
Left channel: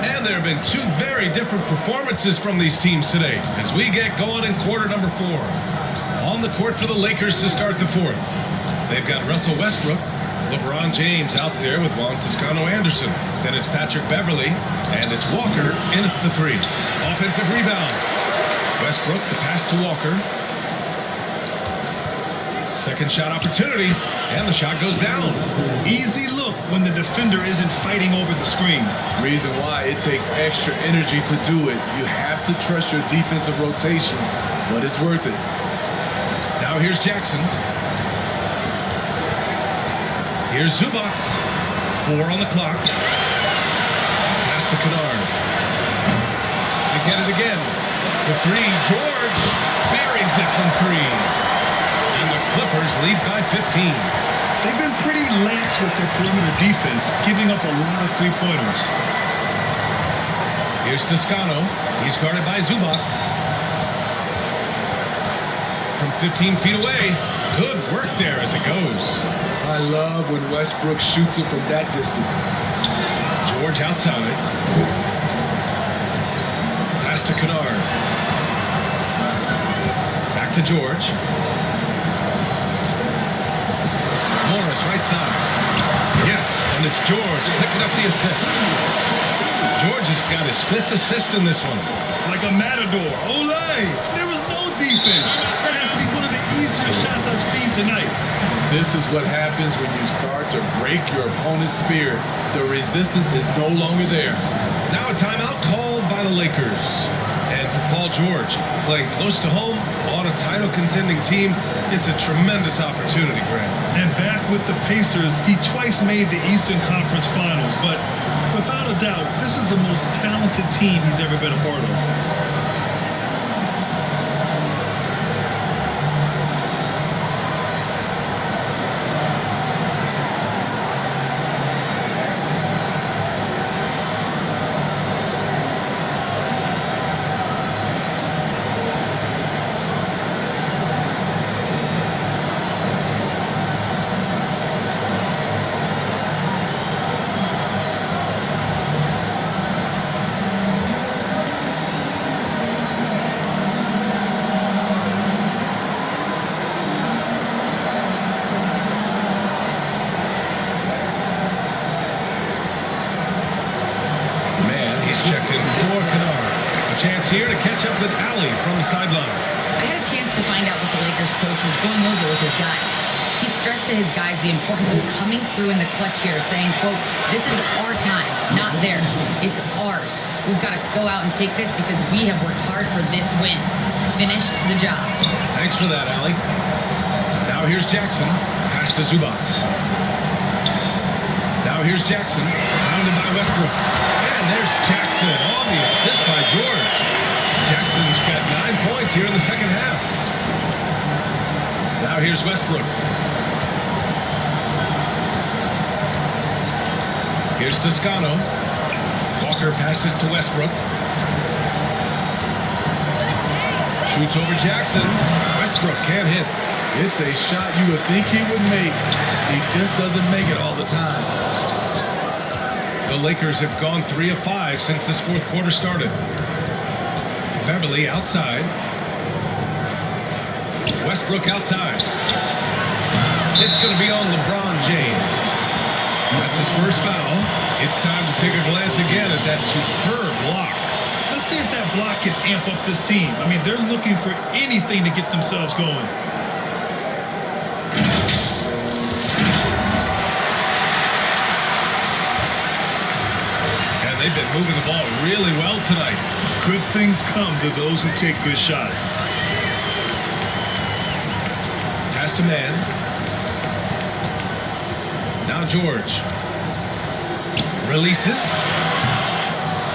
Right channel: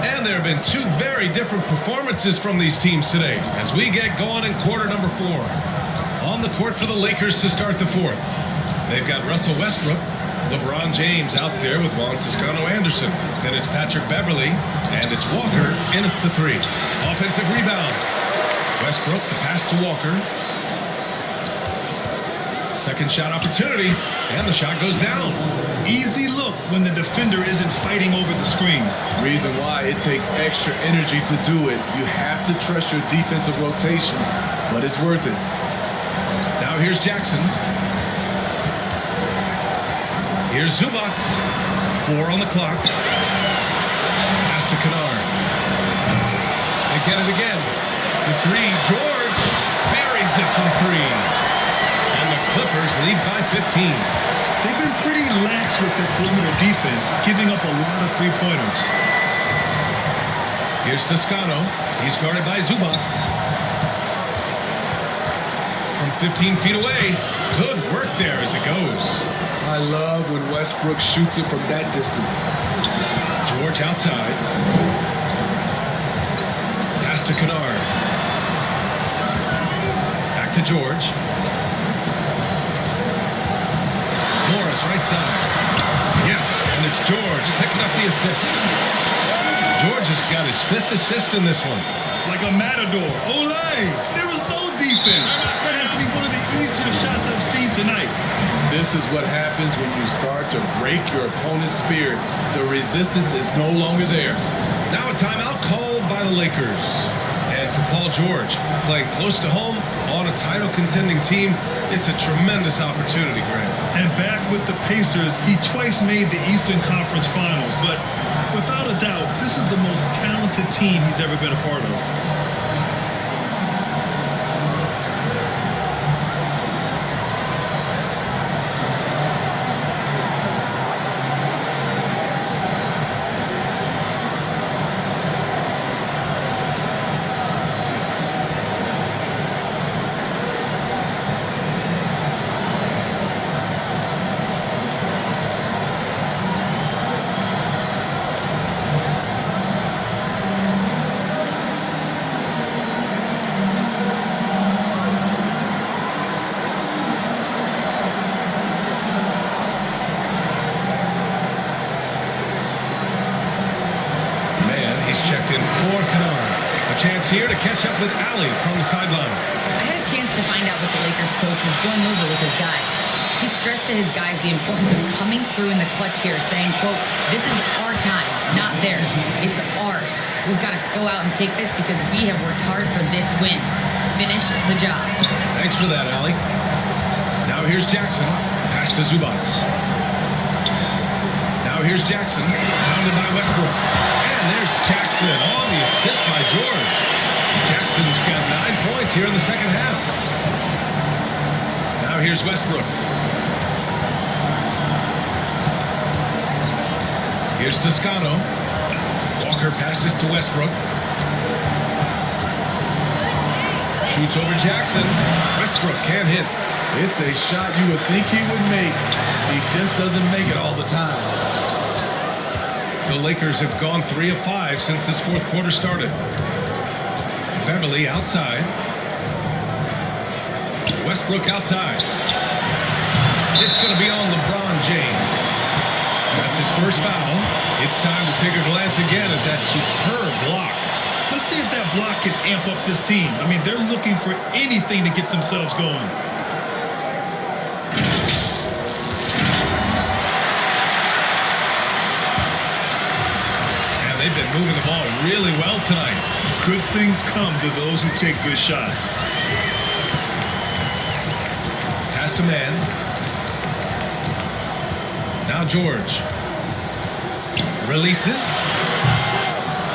And there have been 2 very different performances from these teams today as we get going in quarter number 4. On the court for the Lakers to start the 4th. They've got Russell Westbrook, LeBron James out there with Juan Toscano Anderson. Then it's Patrick Beverly, and it's Walker in at the 3. Offensive rebound. Westbrook, the pass to Walker. Second shot opportunity, and the shot goes down. Easy look when the defender isn't fighting over the screen. Reason why it takes extra energy to do it. You have to trust your defensive rotations. but it's worth it. Now here's Jackson. Here's Zubats. 4 on the clock. Pass to Kennard. They get it again. To 3. George buries it from 3. And the Clippers lead by 15. They've been pretty lax with their perimeter defense, giving up a lot of three-pointers. Here's Toscano. He's guarded by Zubats. From 15 feet away. Good work there as it goes. I love when Westbrook shoots it from that distance. George outside. Pass to Kennard. Back to George. Morris right side. Yes, and it's George picking up the assist. George has got his 5th assist in this one. Like a matador. Olay! There was no defense. That has to be one of the easier shots I've seen tonight. And this is what happens when you start to break your opponent's spirit. The resistance is no longer there. Now a timeout called by the Lakers. And for Paul George, playing close to home on a title contending team, it's a tremendous opportunity, Grant. And back with the Pacers, he twice made the Eastern Conference Finals, but without a doubt, this is the most talented team he's ever been a part of. Man, he's checked in for Kennard. A chance here to catch up with Allie from the sideline. I had a chance to find out what the Lakers coach was going over with his guys. He stressed to his guys the importance of coming through in the clutch here, saying, quote, "This is our time, not theirs. It's ours. We've got to go out and take this because we have worked hard for this win. Finish the job." Thanks for that, Allie. Now here's Jackson. Pass to Zubats. Now here's Jackson. Pounded by Westbrook. And there's Jackson on the assist by George. Jackson's got 9 points here in the second half. Now here's Westbrook. Here's Toscano. Walker passes to Westbrook. Shoots over Jackson. Westbrook can't hit. It's a shot you would think he would make, but he just doesn't make it all the time. The Lakers have gone 3 of 5 since this fourth quarter started. Beverly outside. Westbrook outside. It's going to be on LeBron James. That's his first foul. It's time to take a glance again at that superb block. Let's see if that block can amp up this team. I mean, they're looking for anything to get themselves going. And they've been moving the ball really well tonight. Good things come to those who take good shots. Pass to man. Now George. Releases.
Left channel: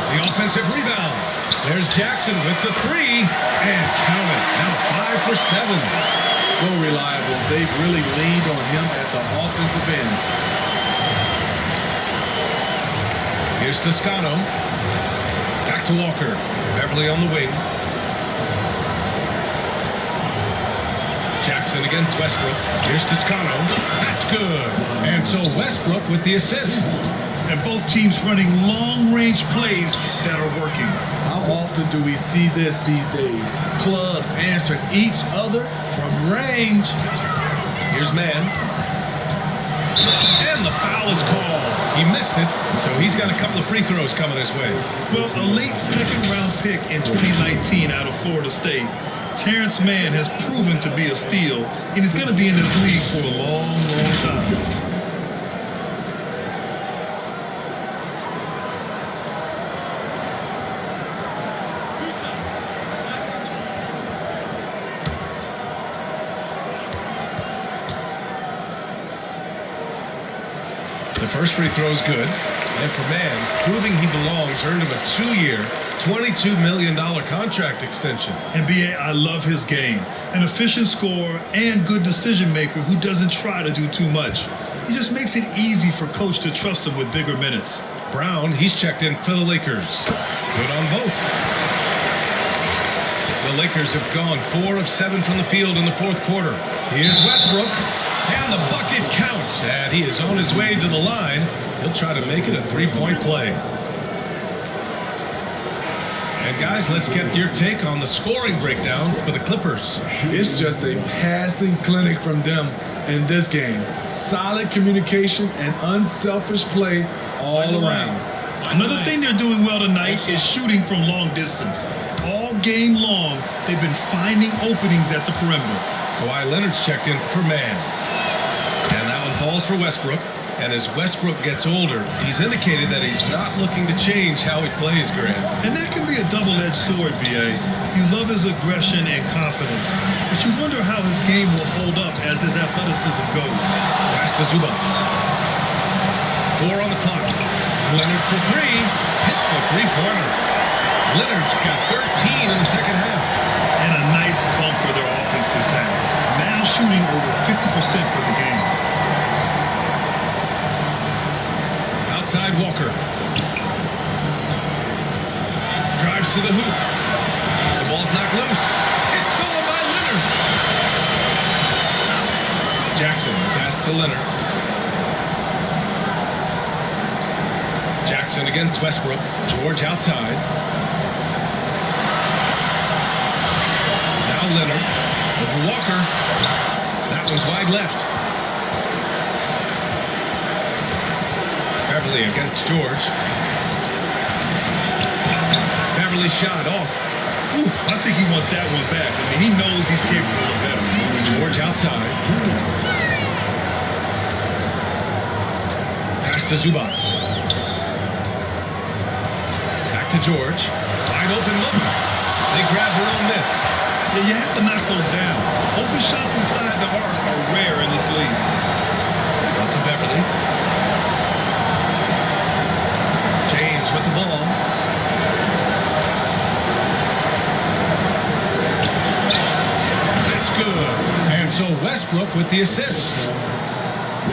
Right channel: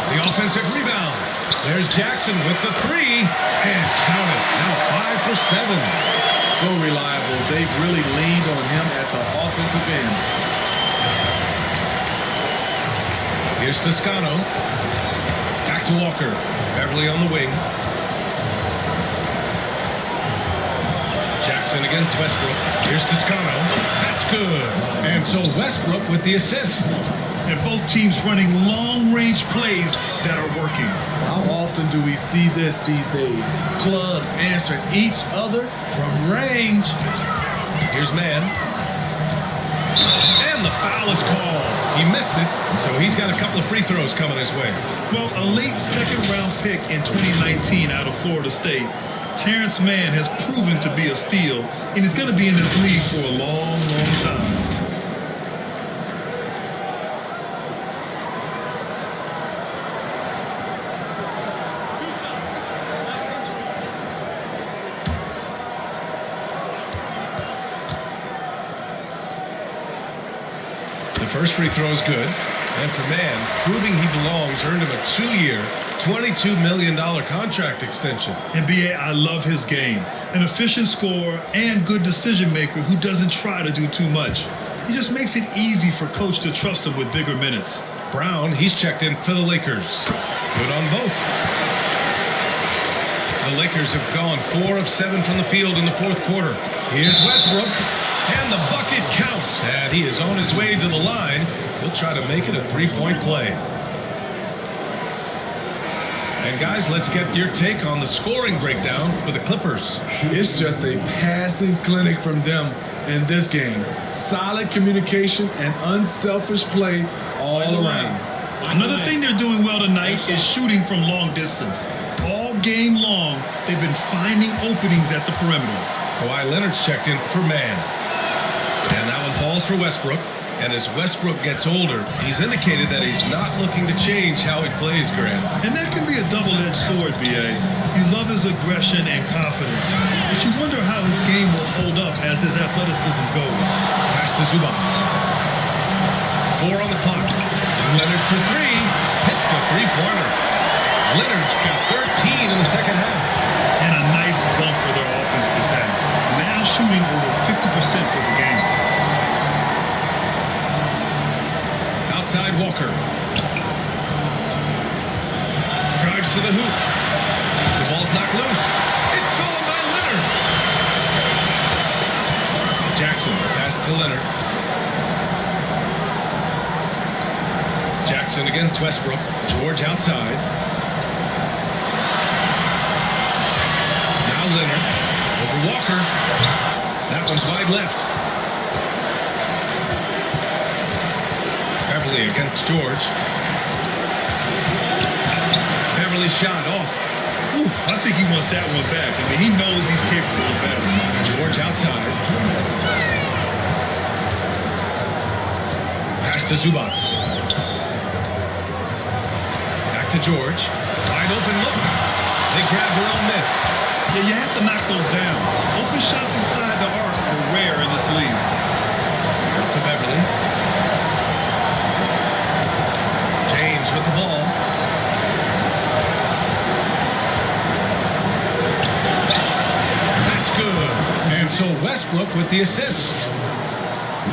The offensive rebound. There's Jackson with the 3. And count it. Now 5 for 7. So reliable. They've really leaned on him at the offensive end. Here's Toscano. Back to Walker. Beverly on the wing. Jackson against Westbrook. Here's Toscano. That's good. And so Westbrook with the assist. And both teams running long-range plays that are working. How often do we see this these days? Clubs answering each other from range. Here's man. And the foul is called. He missed it, so he's got a couple of free throws coming his way. Well, a late second-round pick in 2019 out of Florida State, Terrence Mann has proven to be a steal, and he's going to be in this league for a long, long time. Two shots. Last on the first. The first free throw is good. And for Mann, proving he belongs earned him a 2-year, $22 million contract extension. And B.A., I love his game. An efficient scorer and good decision maker who doesn't try to do too much. He just makes it easy for coach to trust him with bigger minutes. Brown, he's checked in for the Lakers. Good on both. The Lakers have gone 4 of 7 from the field in the fourth quarter. Here's Westbrook, and the bucket counts, and he is on his way to the line. He'll try to make it a 3-point play. And guys, let's get your take on the scoring breakdown for the Clippers. It's just a passing clinic from them in this game. Solid communication and unselfish play all around. Another thing they're doing well tonight is shooting from long distance. All game long, they've been finding openings at the perimeter. Kawhi Leonard's checked in for Mann. And that one falls for Westbrook. And as Westbrook gets older, he's indicated that he's not looking to change how he plays, Grant. And that can be a double-edged sword, B.A. You love his aggression and confidence, but you wonder how his game will hold up as his athleticism goes. Pass to Zubac. 4 on the clock. Leonard for 3. Hits the three-pointer. Leonard's got 13 in the second half. And a nice bump for their offense this half. Now shooting over 50% for the game. Outside Walker. Drives to the hoop. The ball's knocked loose. It's stolen by Leonard. Jackson, the pass to Leonard. Jackson against Westbrook. George outside. Now Leonard over Walker. That one's wide left. Beverly against George. Beverly shot off. Ooh, I think he wants that one back. I mean, he knows he's capable of better. George outside. Pass to Zubac. Back to George. Wide open look. They grab their own miss. Yeah, you have to knock those down. Open shots inside the arc are rare in this league. Out to Beverly. James with the ball. That's good. And so Westbrook with the assist.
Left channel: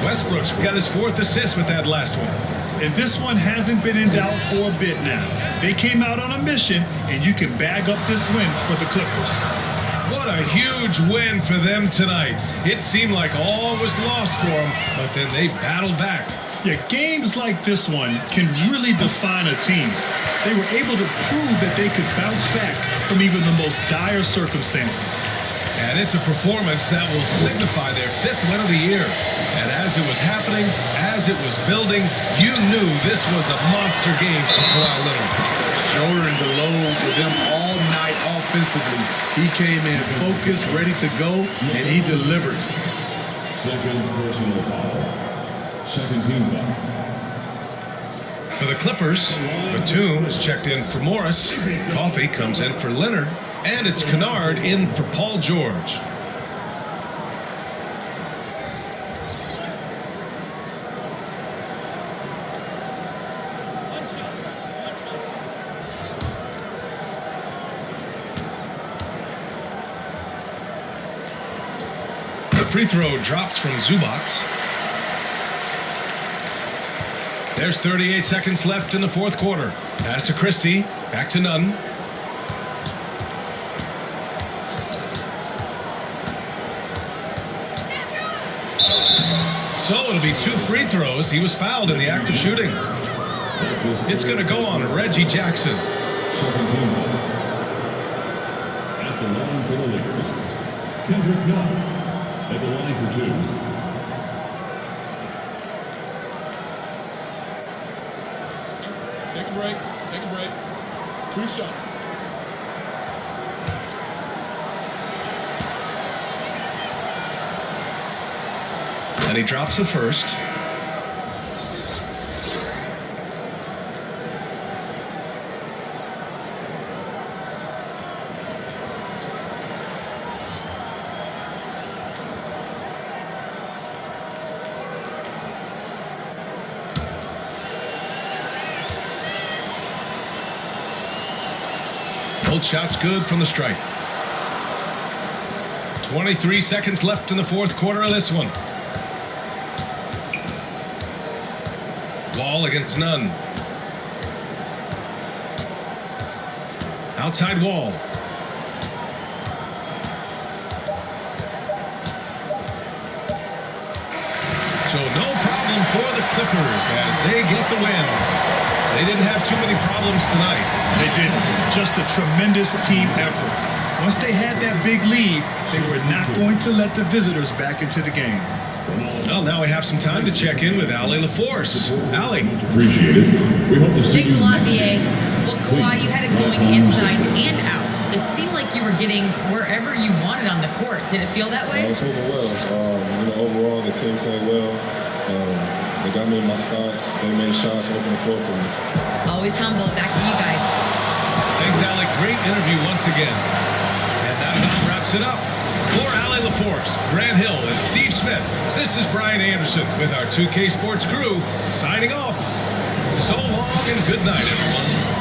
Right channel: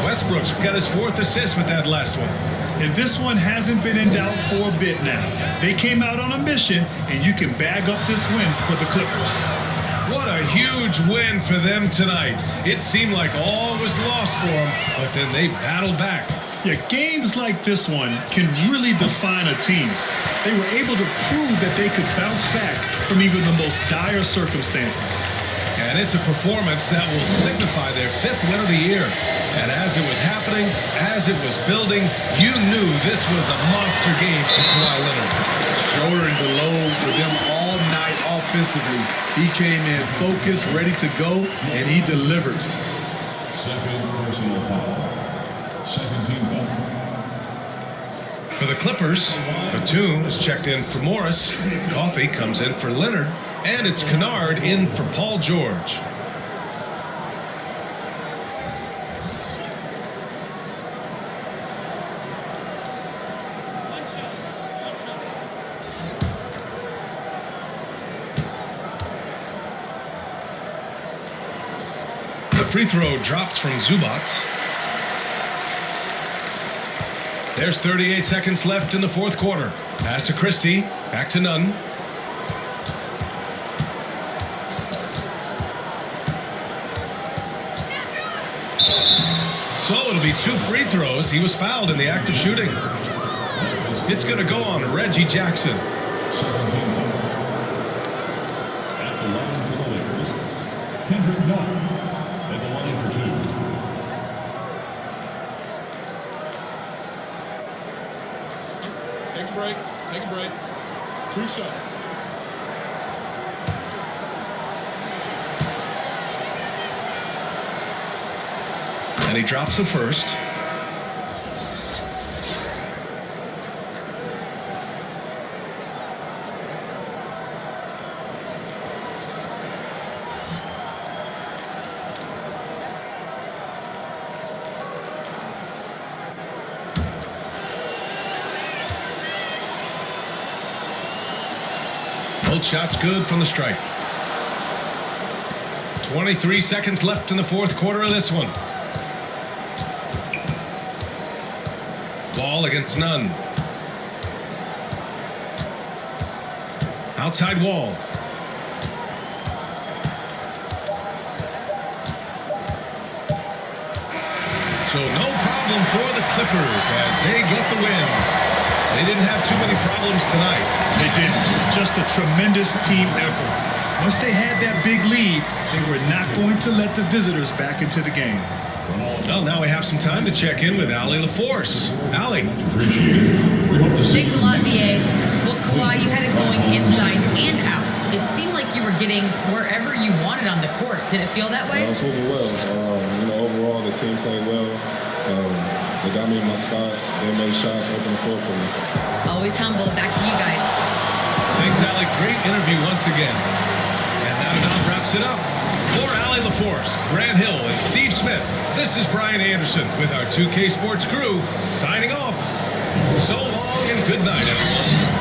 Westbrook's got his 4th assist with that last one. And this one hasn't been in doubt for a bit now. They came out on a mission, and you can bag up this win for the Clippers. What a huge win for them tonight. It seemed like all was lost for them, but then they battled back. Yeah, games like this one can really define a team. They were able to prove that they could bounce back from even the most dire circumstances. And it's a performance that will signify their 5th win of the year. And as it was happening, as it was building, you knew this was a monster game for Kawhi Leonard. Shouldering the load for them all night offensively. He came in focused, ready to go, and he delivered. Second personal foul. Second team foul. For the Clippers, Batum is checked in for Morris. Coffey comes in for Leonard. And it's Kennard in for Paul George. One shot. The free throw drops from Zubac. There's 38 seconds left in the fourth quarter. Pass to Christie. Back to Nunn. So it'll be 2 free throws. He was fouled in the act of shooting. It's going to go on Reggie Jackson. Second team foul. At the line for the Lakers, Kendrick Nunn. At the line for 2. Take a break. Take a break. 2 shots. And he drops the first. Both shots good from the stripe. 23 seconds left in the fourth quarter of this one. Wall against none. Outside Wall. So no problem for the Clippers as they get the win. They didn't have too many problems tonight. They didn't. Just a tremendous team effort. Once they had that big lead, they were not going to let the visitors back into the game. Well, now we have some time to check in with Allie LaForce. Allie. Appreciate it. We hope to see Thanks a you lot, next BA. time. Well, Kawhi, you had it going inside and out. It seemed like you were getting wherever you wanted on the court. Did it feel that I way? was moving well. Overall, the team played well. They got me in my spots. They made shots, open the floor for me. Always humble. Back to you guys. Thanks, Allie. Great interview once again. And that about wraps it up. For Allie LaForce, Grant Hill, and Steve Smith, this is Brian Anderson with our 2K Sports crew signing off. So long and good night, everyone.